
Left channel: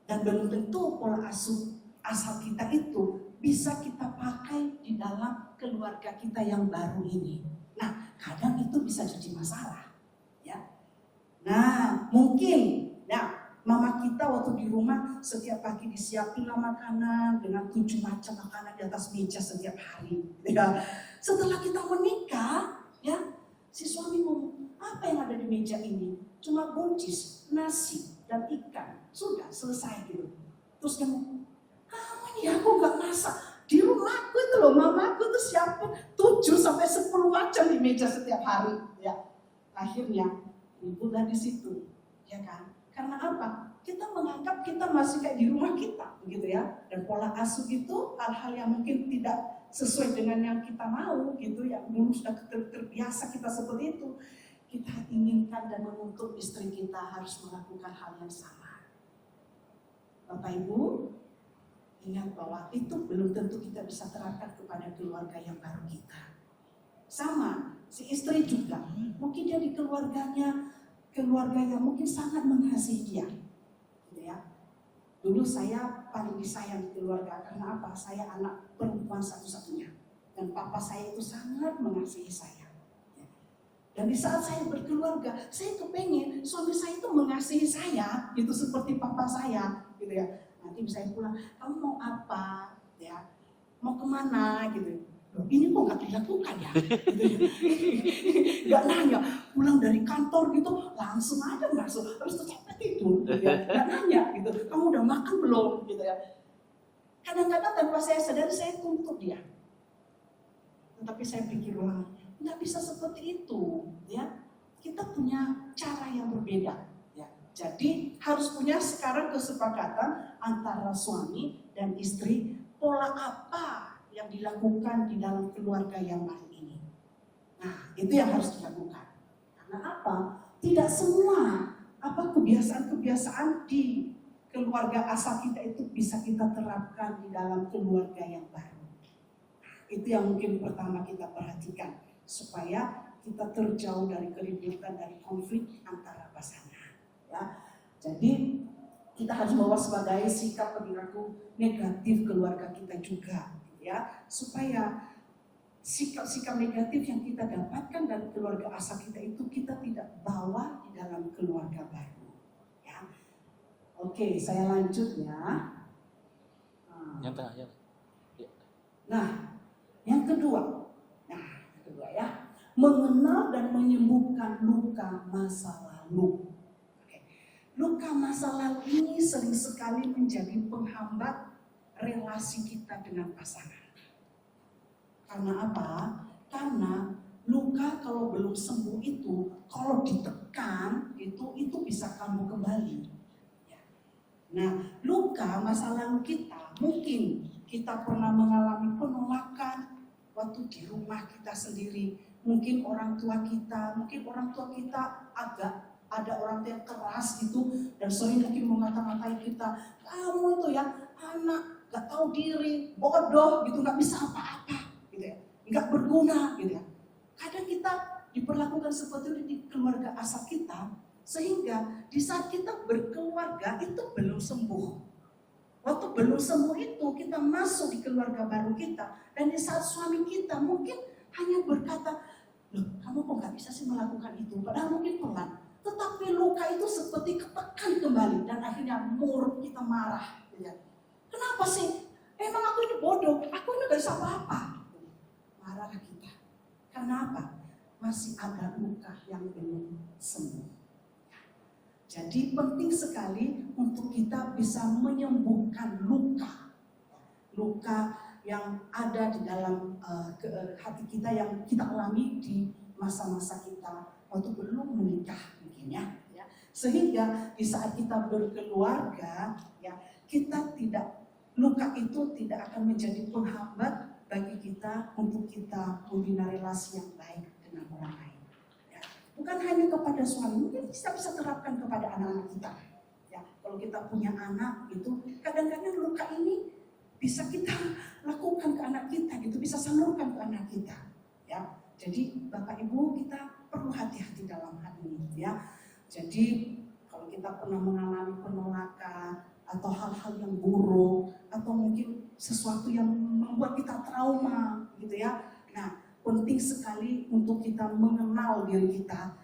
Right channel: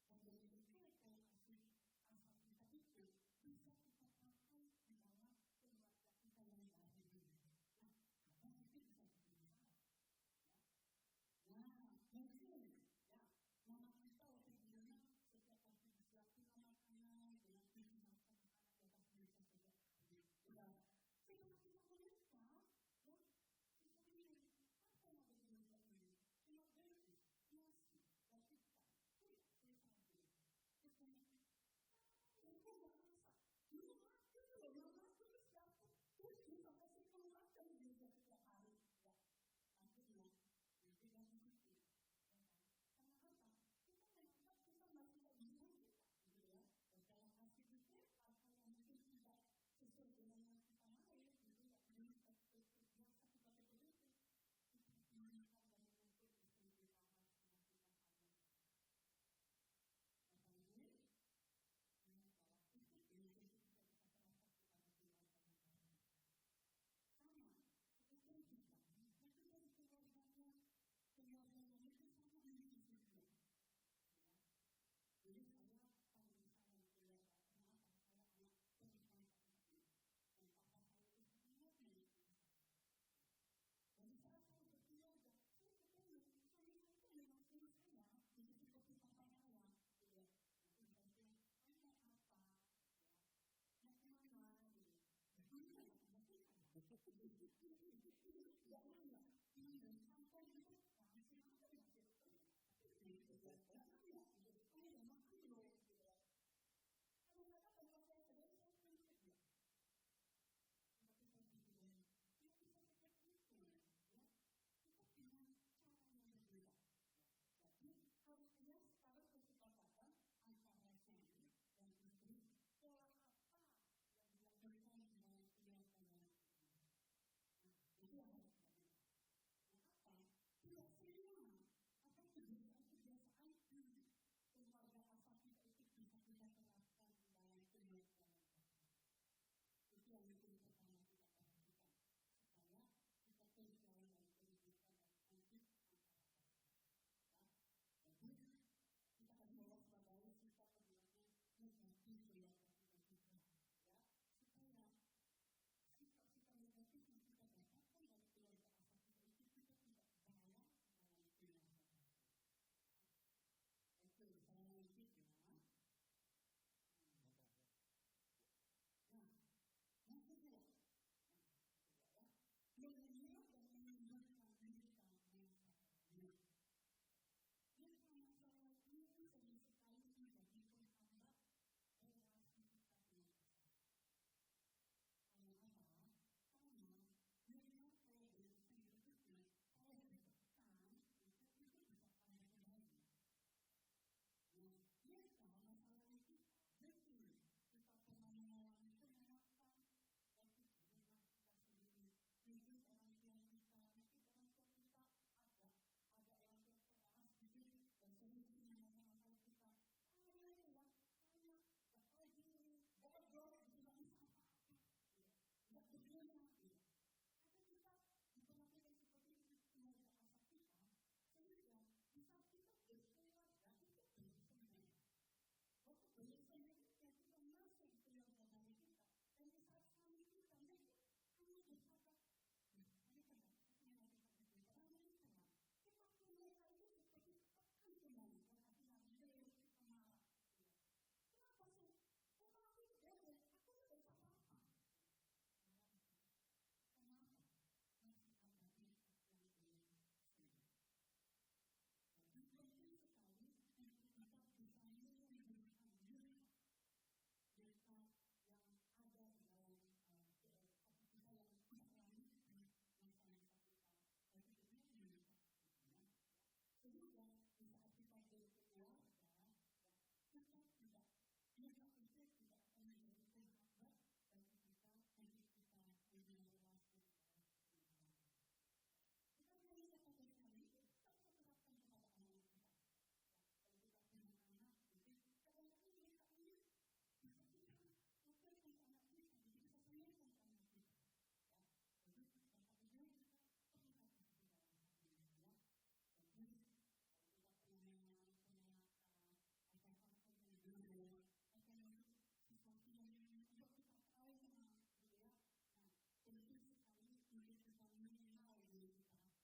Dan belum tentu pola asuh asal kita itu bisa kita pakai di dalam keluarga kita yang baru ini. Nah, kadang itu bisa jadi masalah. Ya. Nah, mungkin mama kita waktu di rumah setiap pagi disiapin makanan dengan 7 macam makanan di atas meja setiap hari. Ya. Setelah kita menikah, ya, si suami ngomong, apa yang ada di meja ini? Cuma buncis, nasi, dan ikan. Sudah selesai gitu. Terus dia ngomong, kamu ini aku gak masak. Di rumahku itu loh, mamaku tuh siapin 7 sampai 10 macam di meja setiap hari. Ya. Akhirnya ibu udah di situ, ya kan? Karena apa? Kita menganggap kita masih kayak di rumah kita, begitu ya. Dan pola asuh itu hal-hal yang mungkin tidak sesuai dengan yang kita mau, gitu ya. Belum sudah terbiasa kita seperti itu. Kita inginkan dan menuntut istri kita harus melakukan hal yang sama. Bapak Ibu, ingat bahwa itu belum tentu kita bisa terapkan kepada keluarga yang baru kita. Sama, si istri juga. Mungkin dia di keluarga yang mungkin sangat mengasihi dia, gitu ya. Dulu saya paling disayang di keluarga karena apa? Saya anak perempuan satu-satunya dan papa saya itu sangat mengasihi saya. Dan di saat saya berkeluarga, saya kepengen suami saya itu mengasihi saya, gitu seperti papa saya, gitu ya. Nanti saya pulang, kamu mau apa? Ya, mau kemana? Gitu. Ini kok nggak dilakukan ya? Nggak nanya, pulang dari kantor gitu langsung aja masuk, harus capek tidur, gitu ya. Nggak nanya gitu, kamu udah makan belum? Gitu ya. Kadang-kadang tanpa saya sadari saya tuntut dia, tetapi saya pikir ulang, nggak bisa seperti itu, ya. Kita punya cara yang berbeda, ya. Jadi harus punya sekarang kesepakatan antara suami dan istri, pola apa yang dilakukan di dalam keluarga yang lain ini. Nah, itu yang harus dilakukan. Karena apa? Tidak semua kebiasaan-kebiasaan di keluarga asal kita itu bisa kita terapkan di dalam keluarga yang baru. Itu yang mungkin pertama kita perhatikan supaya kita terjauh dari keributan, dari konflik antara pasangan. Ya, jadi kita harus mewaspadai sikap perilaku negatif keluarga kita juga. Ya, supaya sikap-sikap negatif yang kita dapatkan dari keluarga asal kita itu kita tidak bawa di dalam keluarga baru. Ya. Oke, saya lanjut ya. Yang tengah ya. Nah, yang kedua ya, mengenal dan menyembuhkan luka masa lalu. Luka masa lalu ini sering sekali menjadi penghambat relasi kita dengan pasangan. Karena apa? Karena luka kalau belum sembuh itu, kalau ditekan itu bisa kambuh kembali. Nah, luka masa lalu kita, mungkin kita pernah mengalami penolakan waktu di rumah kita sendiri. Mungkin orang tua kita agak ada orang tua yang keras gitu, dan sering mungkin mengata-ngatai kita, kamu itu ya anak gak tahu diri, bodoh gitu, gak bisa apa-apa gitu ya, gak berguna gitu ya. Kadang kita diperlakukan seperti itu di keluarga asal kita, sehingga di saat kita berkeluarga itu belum sembuh. Waktu belum sembuh itu kita masuk di keluarga baru kita, dan di saat suami kita mungkin hanya berkata, loh kamu kok gak bisa sih melakukan itu, padahal mungkin pelan. Tetapi luka itu seperti ketekan kembali, dan akhirnya mulut kita marah. Ya. Kenapa sih? Emang aku ini bodoh, aku ini gak bisa apa-apa. Marah kita. Kenapa? Masih ada luka yang belum sembuh. Jadi penting sekali untuk kita bisa menyembuhkan luka. Luka yang ada di dalam hati kita yang kita alami di masa-masa kita waktu belum menikah mungkin ya. Sehingga di saat kita berkeluarga ya, kita tidak, luka itu tidak akan menjadi penghambat bagi kita untuk kita membina relasi yang baik dengan orang lain. Ya. Bukan hanya kepada suami, mungkin kita bisa terapkan kepada anak-anak kita. Ya, kalau kita punya anak itu, kadang-kadang luka ini bisa kita lakukan ke anak kita gitu, bisa salurkan ke anak kita. Ya, jadi Bapak Ibu kita perlu hati-hati dalam hal ini ya. Jadi kalau kita pernah mengalami penolakan atau hal-hal yang buruk atau mungkin sesuatu yang membuat kita trauma gitu ya. Nah, penting sekali untuk kita mengenal diri kita,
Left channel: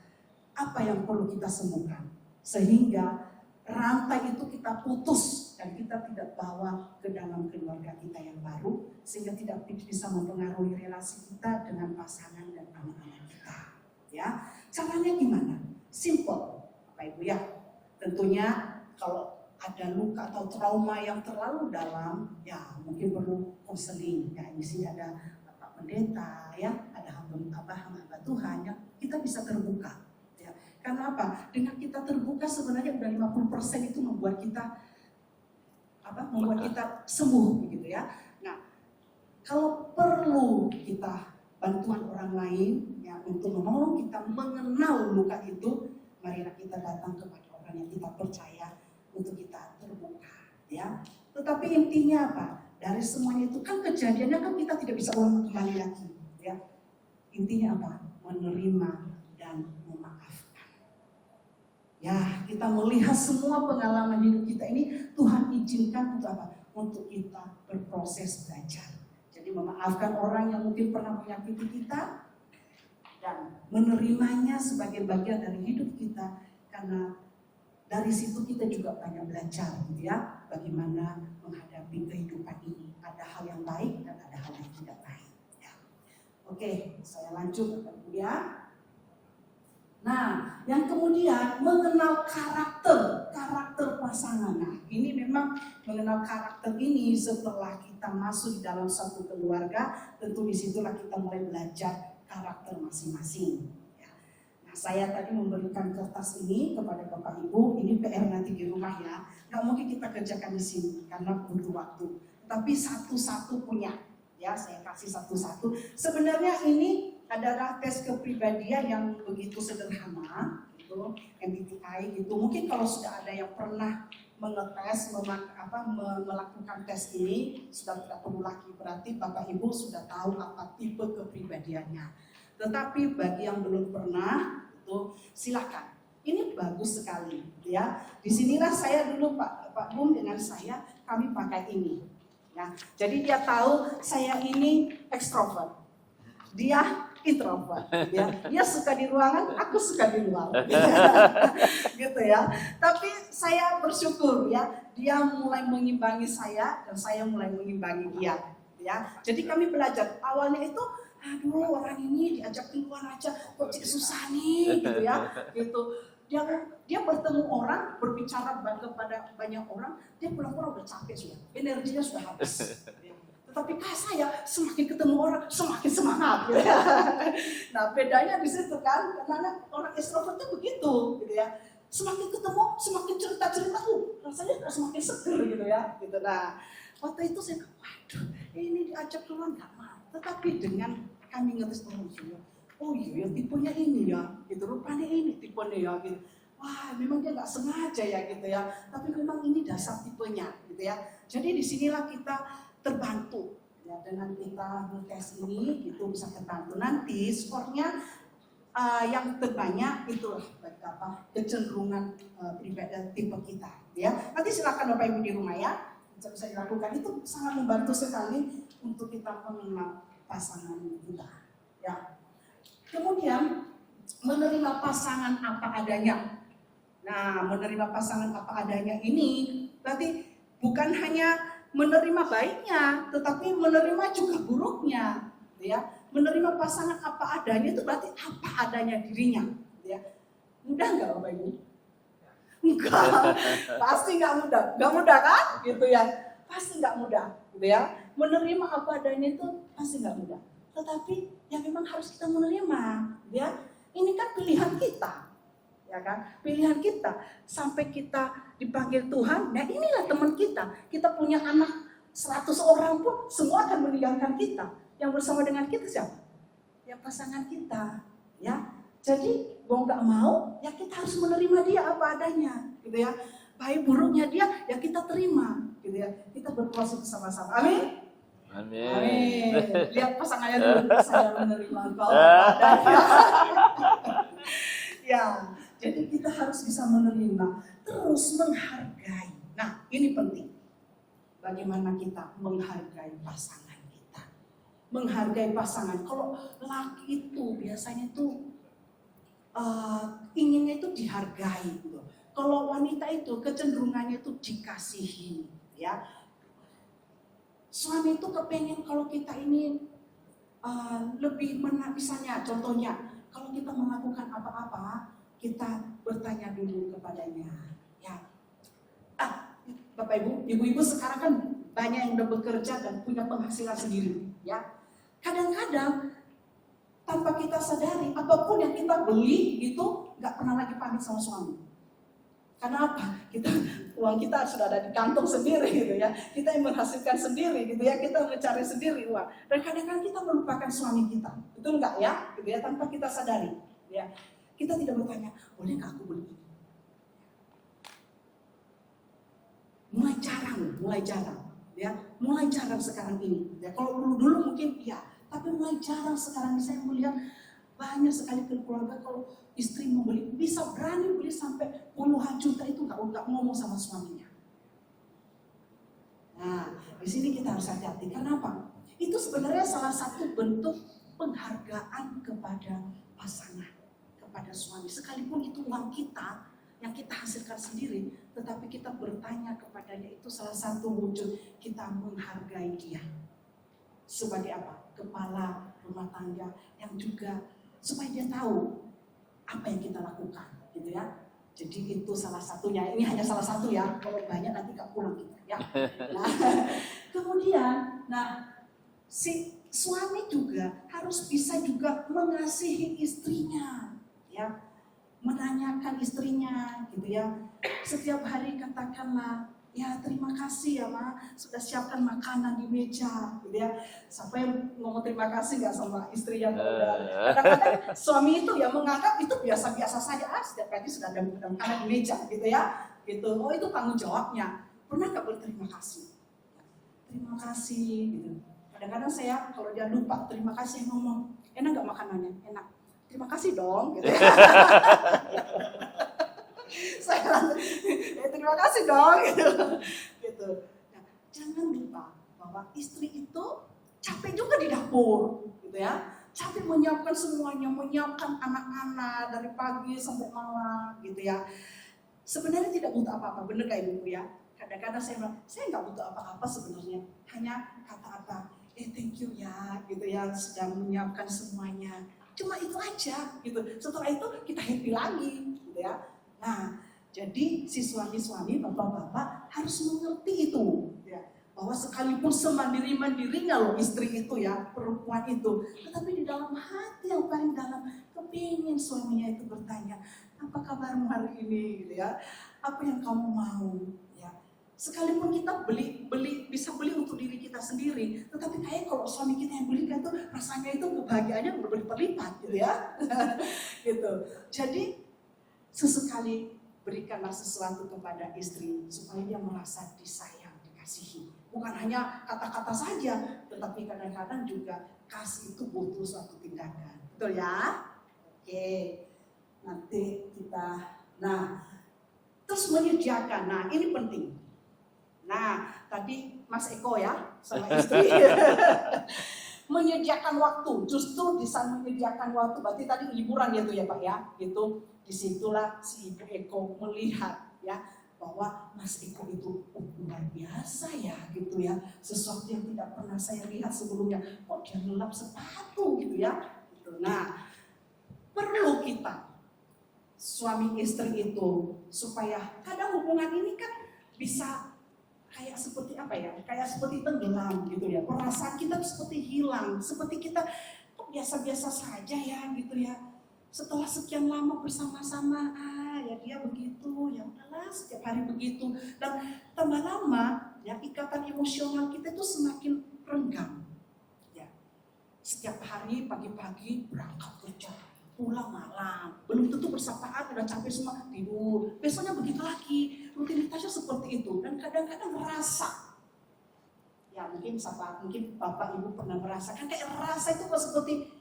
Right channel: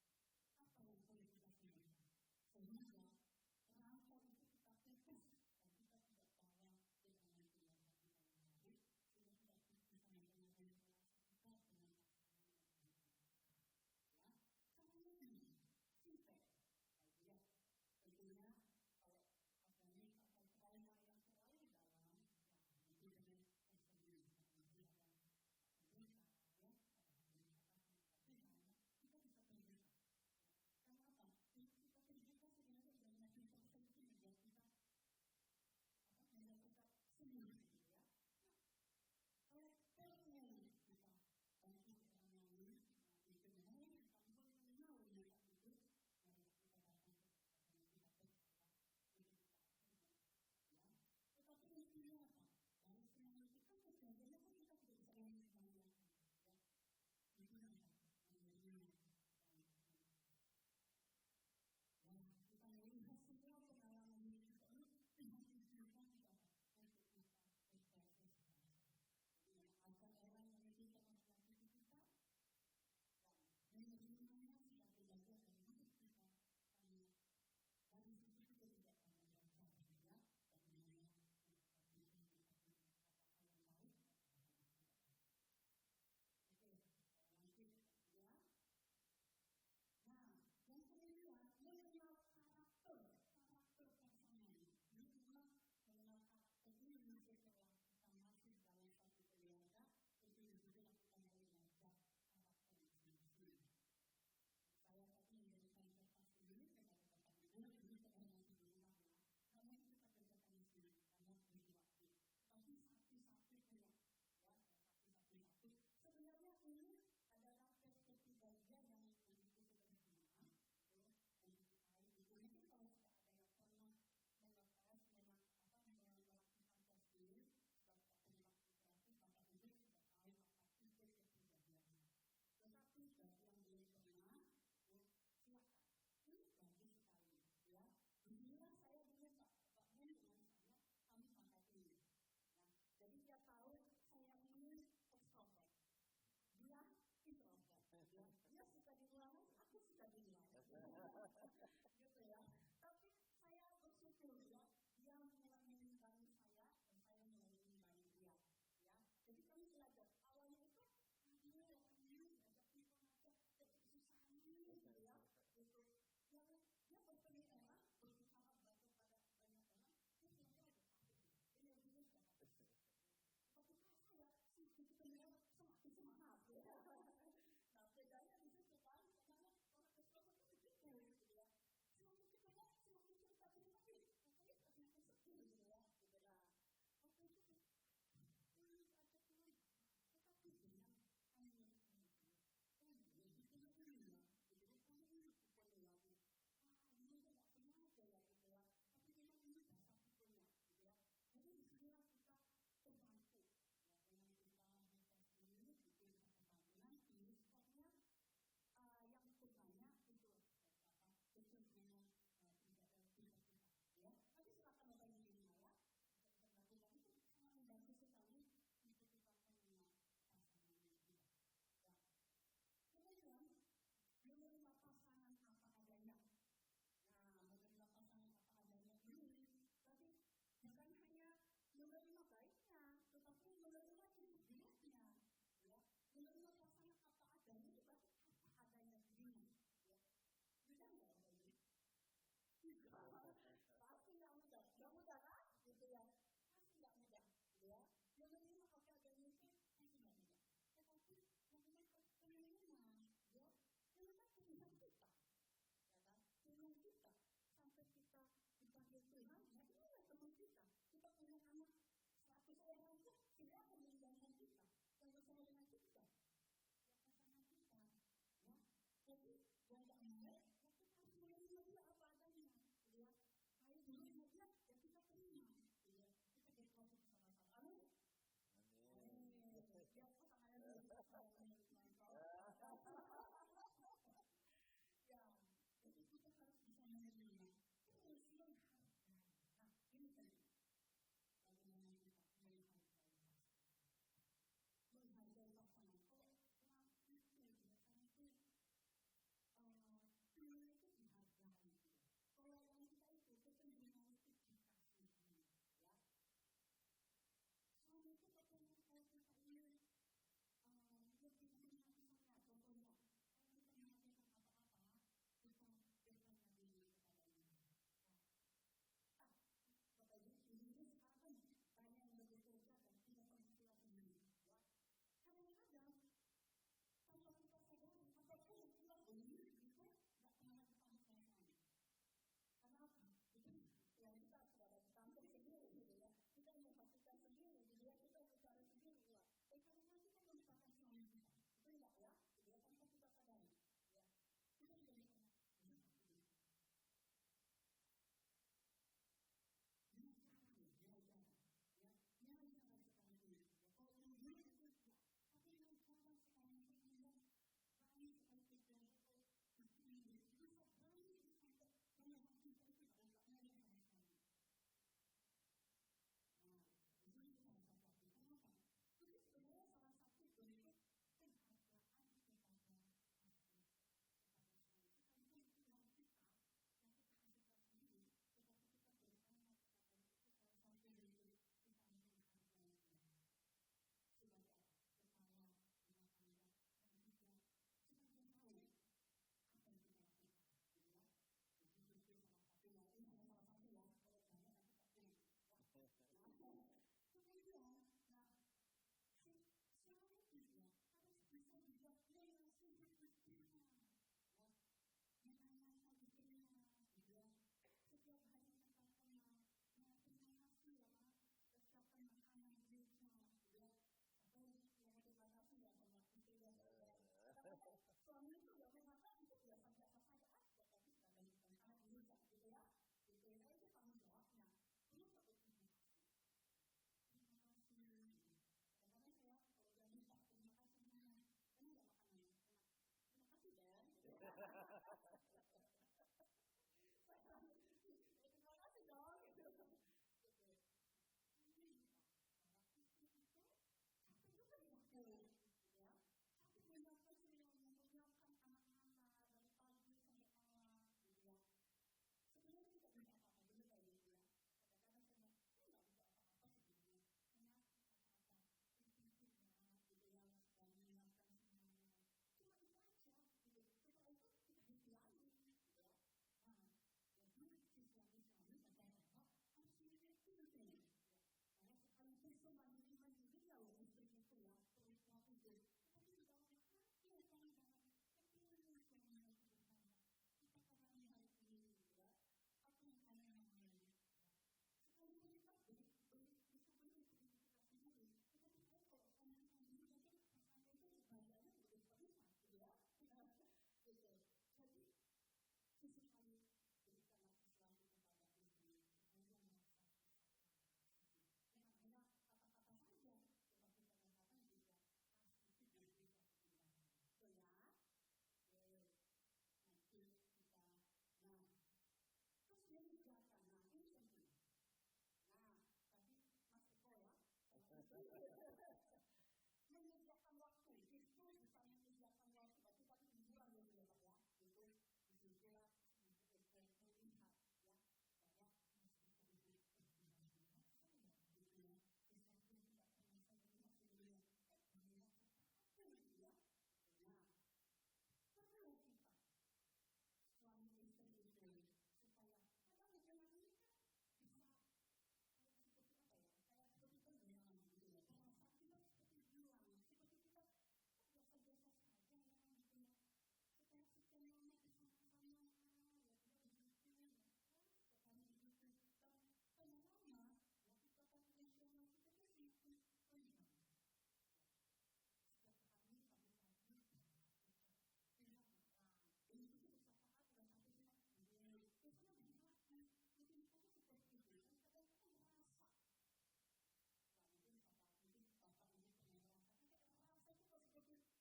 apa yang perlu kita sembuhkan, sehingga rantai itu kita putus dan kita tidak bawa ke dalam keluarga kita yang baru, sehingga tidak bisa mempengaruhi relasi kita dengan pasangan dan anak-anak kita. Ya, caranya gimana? Simple, Bapak Ibu ya. Tentunya kalau ada luka atau trauma yang terlalu dalam, ya mungkin perlu konseling. Ya, di sini ada Bapak Pendeta, ya, ada hamba Tuhan, ya, kita bisa terbuka. Ya. Karena apa? Dengan kita terbuka sebenarnya udah 50% itu membuat kita sembuh, begitu ya. Nah, kalau perlu kita bantuan orang lain, ya, untuk menolong kita mengenal luka itu, marilah kita datang kepada orang yang kita percaya untuk kita terbuka, ya. Tetapi intinya apa? Dari semuanya itu kan kejadiannya kan kita tidak bisa ulang kembali lagi, ya. Intinya apa? Menerima dan memaafkan. Ya, kita melihat semua pengalaman hidup kita ini Tuhan izinkan untuk apa? Untuk kita berproses belajar. Jadi memaafkan orang yang mungkin pernah menyakiti kita dan menerimanya sebagai bagian dari hidup kita, karena dari situ kita juga banyak belajar gitu ya, bagaimana menghadapi kehidupan ini. Ada hal yang baik dan ada hal yang tidak baik ya. Oke, saya lanjut Bapak Ibu ya. Nah, yang kemudian mengenal karakter pasangan. Nah, ini memang mengenal karakter ini setelah kita masuk di dalam satu keluarga, tentu disitulah kita mulai belajar karakter masing-masing. Ya. Nah, saya tadi memberikan kertas ini kepada Bapak Ibu, ini PR nanti di rumah ya. Nggak mungkin kita kerjakan di sini karena butuh waktu. Tapi satu-satu punya, ya saya kasih satu-satu. Sebenarnya ini adalah tes kepribadian yang begitu sederhana, gitu, MBTI gitu. Mungkin kalau sudah ada yang pernah mengetes, melakukan tes ini, sudah tidak perlu lagi, berarti Bapak Ibu sudah tahu apa tipe kepribadiannya. Tetapi bagi yang belum pernah, itu silakan. Ini bagus sekali, ya. Disinilah saya dulu Pak Bum dengan saya, kami pakai ini. Ya. Jadi dia tahu saya ini ekstrovert, dia introvert, ya. Dia suka di ruangan, aku suka di luar, gitu ya. Tapi saya bersyukur ya, dia mulai mengimbangi saya dan saya mulai mengimbangi dia, ya. Jadi kami belajar awalnya itu, aduh orang ini ini diajak keluar aja, kok cik susah nih, gitu ya, gitu. Dia bertemu orang, berbicara kepada banyak orang, dia pulang-pulang udah capek sudah, energinya sudah habis. Tetapi saya semakin ketemu orang, semakin semangat. Gitu ya. Nah bedanya di situ kan, karena orang ekstrovert itu begitu, gitu ya. Semakin ketemu, semakin cerita-cerita, rasanya semakin seger gitu ya. Gitu. Nah waktu itu saya, waduh, ini diajak keluar nggak mau. Tetapi dengan kami ngetes orang, oh iya tipenya ini ya, gitu. Rupanya ini tipenya ya, gitu. Wah, memang dia nggak sengaja ya, gitu ya. Tapi memang ini dasar tipenya, gitu ya. Jadi disinilah kita terbantu ya, dengan kita ngetes ini, gitu bisa terbantu. Nanti skornya yang terbanyak itulah kecenderungan pribadi tipe kita. Ya, nanti silakan Bapak Ibu di rumah ya, bisa dilakukan. Itu sangat membantu sekali untuk kita mengenal pasangan kita. Ya. Kemudian menerima pasangan apa adanya. Nah, menerima pasangan apa adanya ini berarti bukan hanya menerima baiknya, tetapi menerima juga buruknya. Ya. Menerima pasangan apa adanya itu berarti apa adanya dirinya. Ya. Mudah nggak Bapak Ibu? Enggak, pasti nggak mudah. Nggak mudah kan? Gitu ya. Pasti nggak mudah. Gitu ya. Menerima apa adanya itu pasti nggak mudah. Tetapi yang memang harus kita menerima. Ya. Ini kan pilihan kita. Ya kan? Pilihan kita. Sampai kita dipanggil Tuhan, nah inilah teman kita. Kita punya anak 100 orang pun semua akan meninggalkan kita. Yang bersama dengan kita siapa? Ya pasangan kita. Ya. Jadi mau nggak mau, ya kita harus menerima dia apa adanya, gitu ya. Baik buruknya dia, ya kita terima, gitu ya. Kita berproses bersama-sama. Amin. Amin. Amin. Lihat pasangannya dulu, saya menerima engkau apa adanya. Ya, jadi kita harus bisa menerima, terus menghargai. Nah, ini penting. Bagaimana kita menghargai pasangan kita. Menghargai pasangan. Kalau laki itu biasanya itu inginnya itu dihargai gitu. Kalau wanita itu kecenderungannya itu dikasihi, ya. Suami itu kepengen kalau kita ini lebih misalnya contohnya kalau kita melakukan apa-apa kita bertanya dulu kepadanya, ya. Bapak Ibu, ibu-ibu sekarang kan banyak yang udah bekerja dan punya penghasilan sendiri, ya. Kadang-kadang tanpa kita sadari, apapun yang kita beli itu nggak pernah lagi pamit sama suami. Karena apa? Uang kita sudah ada di kantong sendiri gitu ya. Kita yang menghasilkan sendiri gitu ya. Kita mencari sendiri uang. Dan kadang-kadang kita melupakan suami kita. Betul nggak ya? Gitu ya, tanpa kita sadari. Ya. Kita tidak bertanya, boleh nggak aku beli ini? Mulai jarang. Ya. Mulai jarang sekarang ini. Ya. Kalau dulu mungkin iya. Tapi mulai jarang sekarang saya melihat banyak sekali keluarga kalau istri mau beli, bisa berani beli sampai puluhan juta itu nggak ngomong sama suaminya. Nah, di sini kita harus hati-hati. Kenapa? Itu sebenarnya salah satu bentuk penghargaan kepada pasangan, kepada suami. Sekalipun itu uang kita yang kita hasilkan sendiri, tetapi kita bertanya kepadanya, itu salah satu wujud kita menghargai dia. Sebagai apa? Kepala rumah tangga yang juga supaya dia tahu apa yang kita lakukan, gitu ya. Jadi itu salah satunya. Ini hanya salah satu ya. Kalau banyak nanti gak pulang kita, ya. Nah, kemudian, si suami juga harus bisa juga mengasihi istrinya, ya. Menanyakan istrinya, gitu ya. Setiap hari katakanlah, ya terima kasih ya Ma, sudah siapkan makanan di meja, gitu ya. Siapa yang ngomong terima kasih nggak sama istri yang muda? Kadang-kadang suami itu ya menganggap itu biasa-biasa saja, setiap pagi sudah ada makanan di meja, gitu ya. Gitu. Oh itu tanggung jawabnya. Pernah nggak berterima kasih? Terima kasih, gitu. Kadang-kadang saya kalau dia lupa terima kasih ngomong, enak nggak makanannya? Enak. Terima kasih dong, gitu ya. Saya terima kasih dong, gitu. Nah, jangan lupa bahwa istri itu capek juga di dapur, gitu ya. Capek menyiapkan semuanya, menyiapkan anak-anak dari pagi sampai malam, gitu ya. Sebenarnya tidak butuh apa-apa, bener gak Ibu ya? Kadang-kadang saya bilang, saya nggak butuh apa-apa sebenarnya, hanya kata-kata, thank you ya, gitu ya, sudah menyiapkan semuanya. Cuma itu aja gitu. Setelah itu kita happy lagi gitu ya. Nah, jadi si suami-suami, bapak-bapak harus mengerti itu ya. Bahwa sekalipun semandiri-mandirinya loh istri itu ya, perempuan itu, tetapi di dalam hati yang paling dalam kepingin suaminya itu bertanya, apa kabarmu hari ini gitu ya, apa yang kamu mau ya. Sekalipun kita bisa beli untuk diri kita sendiri, tetapi kayak kalau suami kita yang belikan tuh rasanya itu kebahagiaannya berlipat-lipat gitu ya. Gitu. Jadi sesekali berikanlah sesuatu kepada istri supaya dia merasa disayang, dikasihi. Bukan hanya kata-kata saja, tetapi kadang-kadang juga kasih itu butuh suatu tindakan. Betul ya? Oke. Nanti kita, terus menyediakan. Nah, ini penting. Nah, tadi Mas Eko ya sama istri menyediakan waktu. Justru di sana menyediakan waktu. Berarti tadi liburan gitu ya Pak ya. Itu disitulah si Ibu Eko melihat ya bahwa Mas Eko itu luar biasa ya gitu ya. Sesuatu yang tidak pernah saya lihat sebelumnya. Kok dia ngelap sepatu gitu ya. Gitu. Nah, perlu kita suami istri itu supaya kadang hubungan ini kan bisa kayak seperti apa ya, kayak seperti tenggelam gitu ya, perasaan kita seperti hilang, seperti kita kok biasa-biasa saja ya gitu ya, setelah sekian lama bersama-sama, ya dia begitu, ya udahlah setiap hari begitu, dan tambah lama ya ikatan emosional kita itu semakin renggang ya, setiap hari pagi-pagi berangkat kerja, pulang malam, belum tentu bersapaan, udah capek semua, tidur, besoknya begitu lagi, rutinitasnya seperti itu, dan kadang-kadang merasa, ya mungkin Bapak Ibu pernah merasakan, kayak rasa itu kok seperti,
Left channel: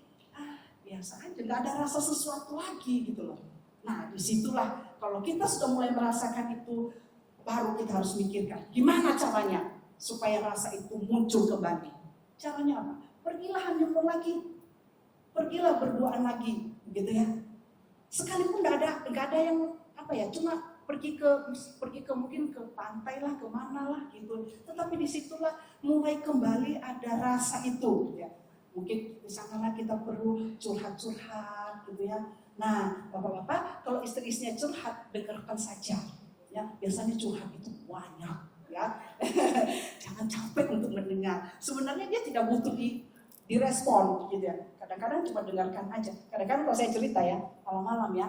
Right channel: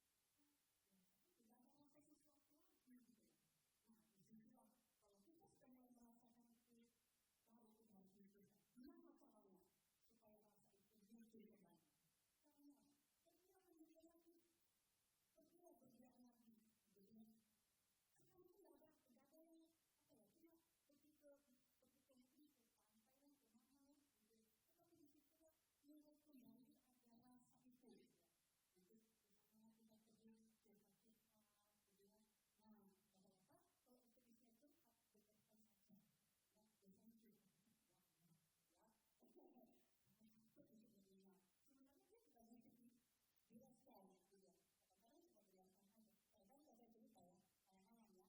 biasa aja, gak ada rasa sesuatu lagi gitu loh. Nah disitulah, kalau kita sudah mulai merasakan itu, baru kita harus mikirkan, gimana caranya supaya rasa itu muncul kembali. Caranya apa? Pergilah honeymoon lagi, pergilah berduaan lagi, gitu ya. Sekalipun nggak ada yang apa ya, cuma pergi ke mungkin ke pantai lah, kemana lah gitu. Tetapi disitulah mulai kembali ada rasa itu, ya. Mungkin di sana kita perlu curhat-curhat, gitu ya. Nah, bapak-bapak, kalau istri-istrinya curhat, dengarkan saja, ya. Biasanya curhat itu banyak, ya. Jangan capek untuk mendengar. Sebenarnya dia tidak butuh direspon, gitu ya. Kadang-kadang cuma dengarkan aja. Kadang-kadang kalau saya cerita ya, malam-malam ya,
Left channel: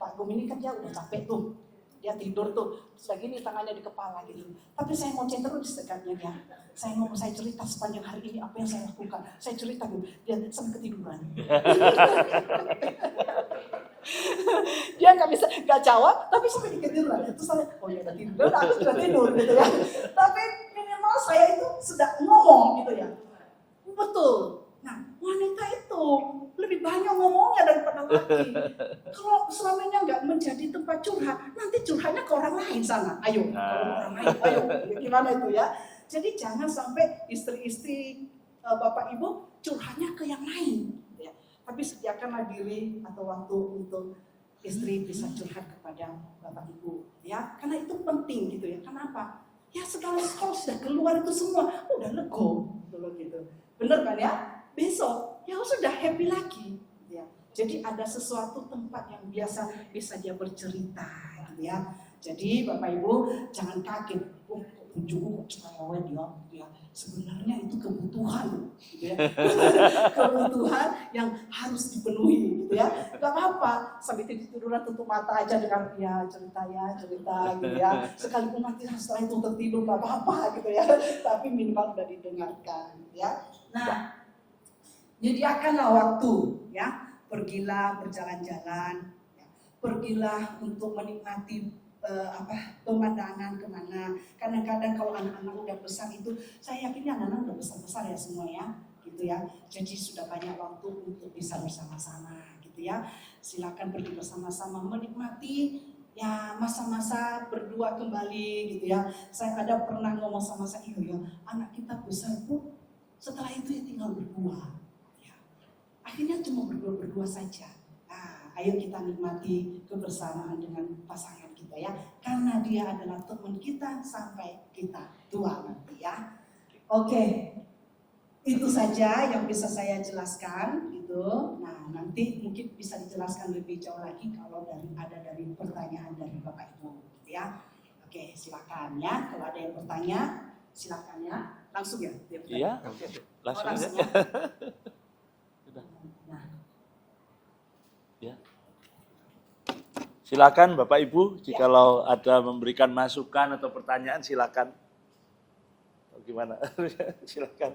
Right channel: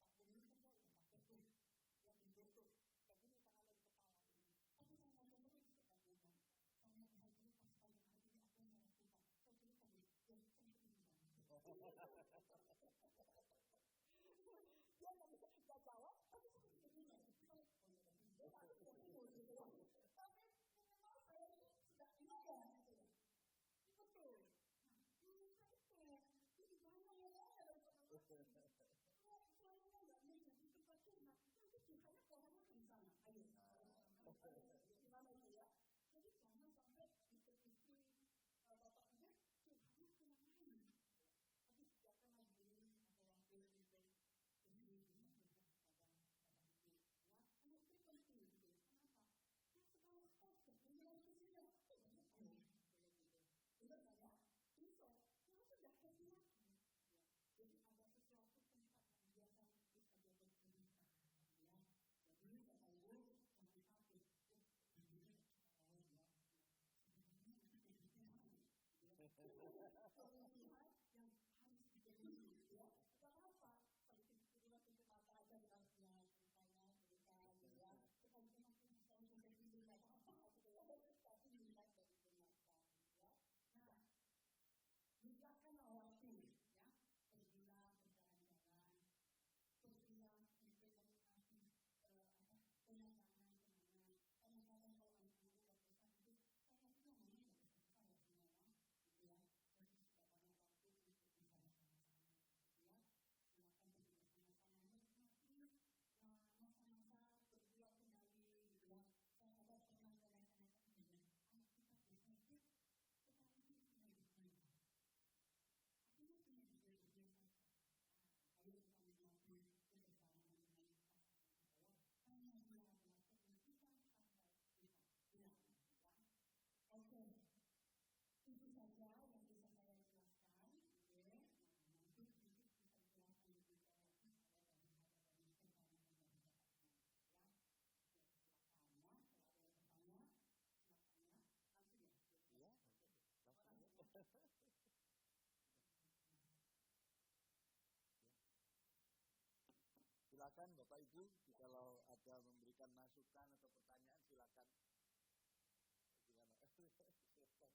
Pak Gum ini kan dia udah capek tuh, dia tidur tuh, terus lagi nih tangannya di kepala gitu. Tapi saya mau cek terus dekatnya dia. Saya cerita sepanjang hari ini apa yang saya lakukan. Saya cerita dulu, dia sampai ketiduran. Dia nggak jawab, tapi sampai ketiduran. Terus saya, oh ya udah tidur, aku sudah tidur gitu ya. Tapi minimal saya itu sudah ngomong gitu ya. Betul. Nah, wanita itu lebih banyak ngomongnya daripada laki. Kalau suaminya nggak menjadi tempat curhat, nanti curhatnya ke orang lain sana. Ayo, ke orang lain. Ayo, gimana itu ya? Jadi jangan sampai istri-istri Bapak Ibu curhatnya ke yang lain. Ya. Tapi sediakanlah diri atau waktu untuk istri bisa curhat kepada Bapak Ibu. Ya, karena itu penting gitu ya. Kenapa? Ya segala sekolah sudah keluar itu semua, udah lego gitu. Bener kan ya? Besok ya sudah happy lagi ya. Jadi ada sesuatu tempat yang biasa bisa dia bercerita gitu ya. Jadi Bapak Ibu jangan kaget, ujung cuma dia sebenarnya itu kebutuhan gitu ya. Kebutuhan yang harus dipenuhi gitu ya. Gak apa-apa sambil tiduran tutup mata aja dengan ya cerita gitu ya. Sekalipun nanti setelah itu tertidur gak apa-apa gitu ya. Tapi minimal udah didengarkan ya. Nah, nyediakanlah waktu ya, pergilah berjalan-jalan, ya. Pergilah untuk menikmati pemandangan kemana. Kadang-kadang kalau anak-anak udah besar itu, saya yakin anak-anak udah besar-besar ya semua ya, gitu ya. Jadi sudah banyak waktu untuk bisa bersama-sama, gitu ya. Silakan pergi bersama-sama menikmati ya masa-masa berdua kembali, gitu ya. Saya ada pernah ngomong sama saya, ya anak kita besar Bu, setelah itu ya tinggal berdua. Akhirnya cuma berdua saja. Nah, ayo kita nikmati kebersamaan dengan pasangan kita ya. Karena dia adalah teman kita sampai kita tua nanti ya. Oke, itu saja yang bisa saya jelaskan gitu. Nah, nanti menjelaskan lebih jauh lagi kalau ada dari pertanyaan dari Bapak Ibu, gitu ya. Oke, silakan ya. Kalau ada yang bertanya, silakan ya. Langsung ya. Iya, langsung aja. ya. Nah, Ya. Silakan Bapak Ibu, jikalau ada memberikan masukan atau pertanyaan silakan. Gimana? Silakan.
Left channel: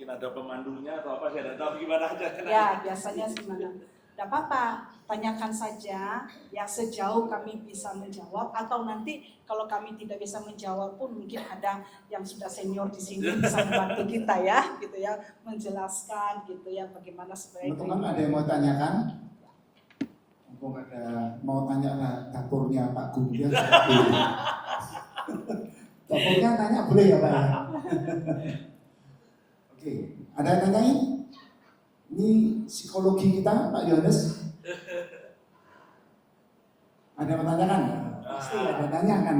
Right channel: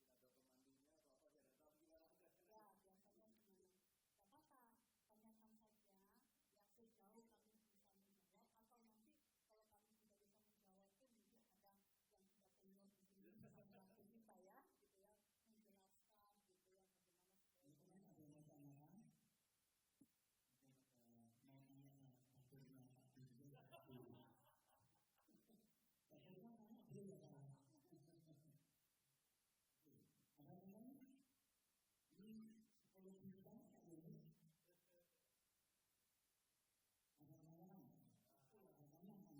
Mungkin ada pemandunya atau apa, saya tidak tahu gimana aja. ya biasanya gimana? Tidak apa-apa, tanyakan saja ya sejauh kami bisa menjawab, atau nanti kalau kami tidak bisa menjawab pun mungkin ada yang sudah senior di sini bisa membantu kita ya, gitu ya, menjelaskan gitu ya bagaimana sebenarnya. Teman-teman ada yang mau tanyakan? Mumpung ada mau tanya lah dapurnya Pak Guru ya. Dapurnya tanya boleh ya Pak? Oke, ada yang nanyain? Ini psikologi kita Pak Yohanes. Ada yang menanyakan? Pasti ada yang tanyakan.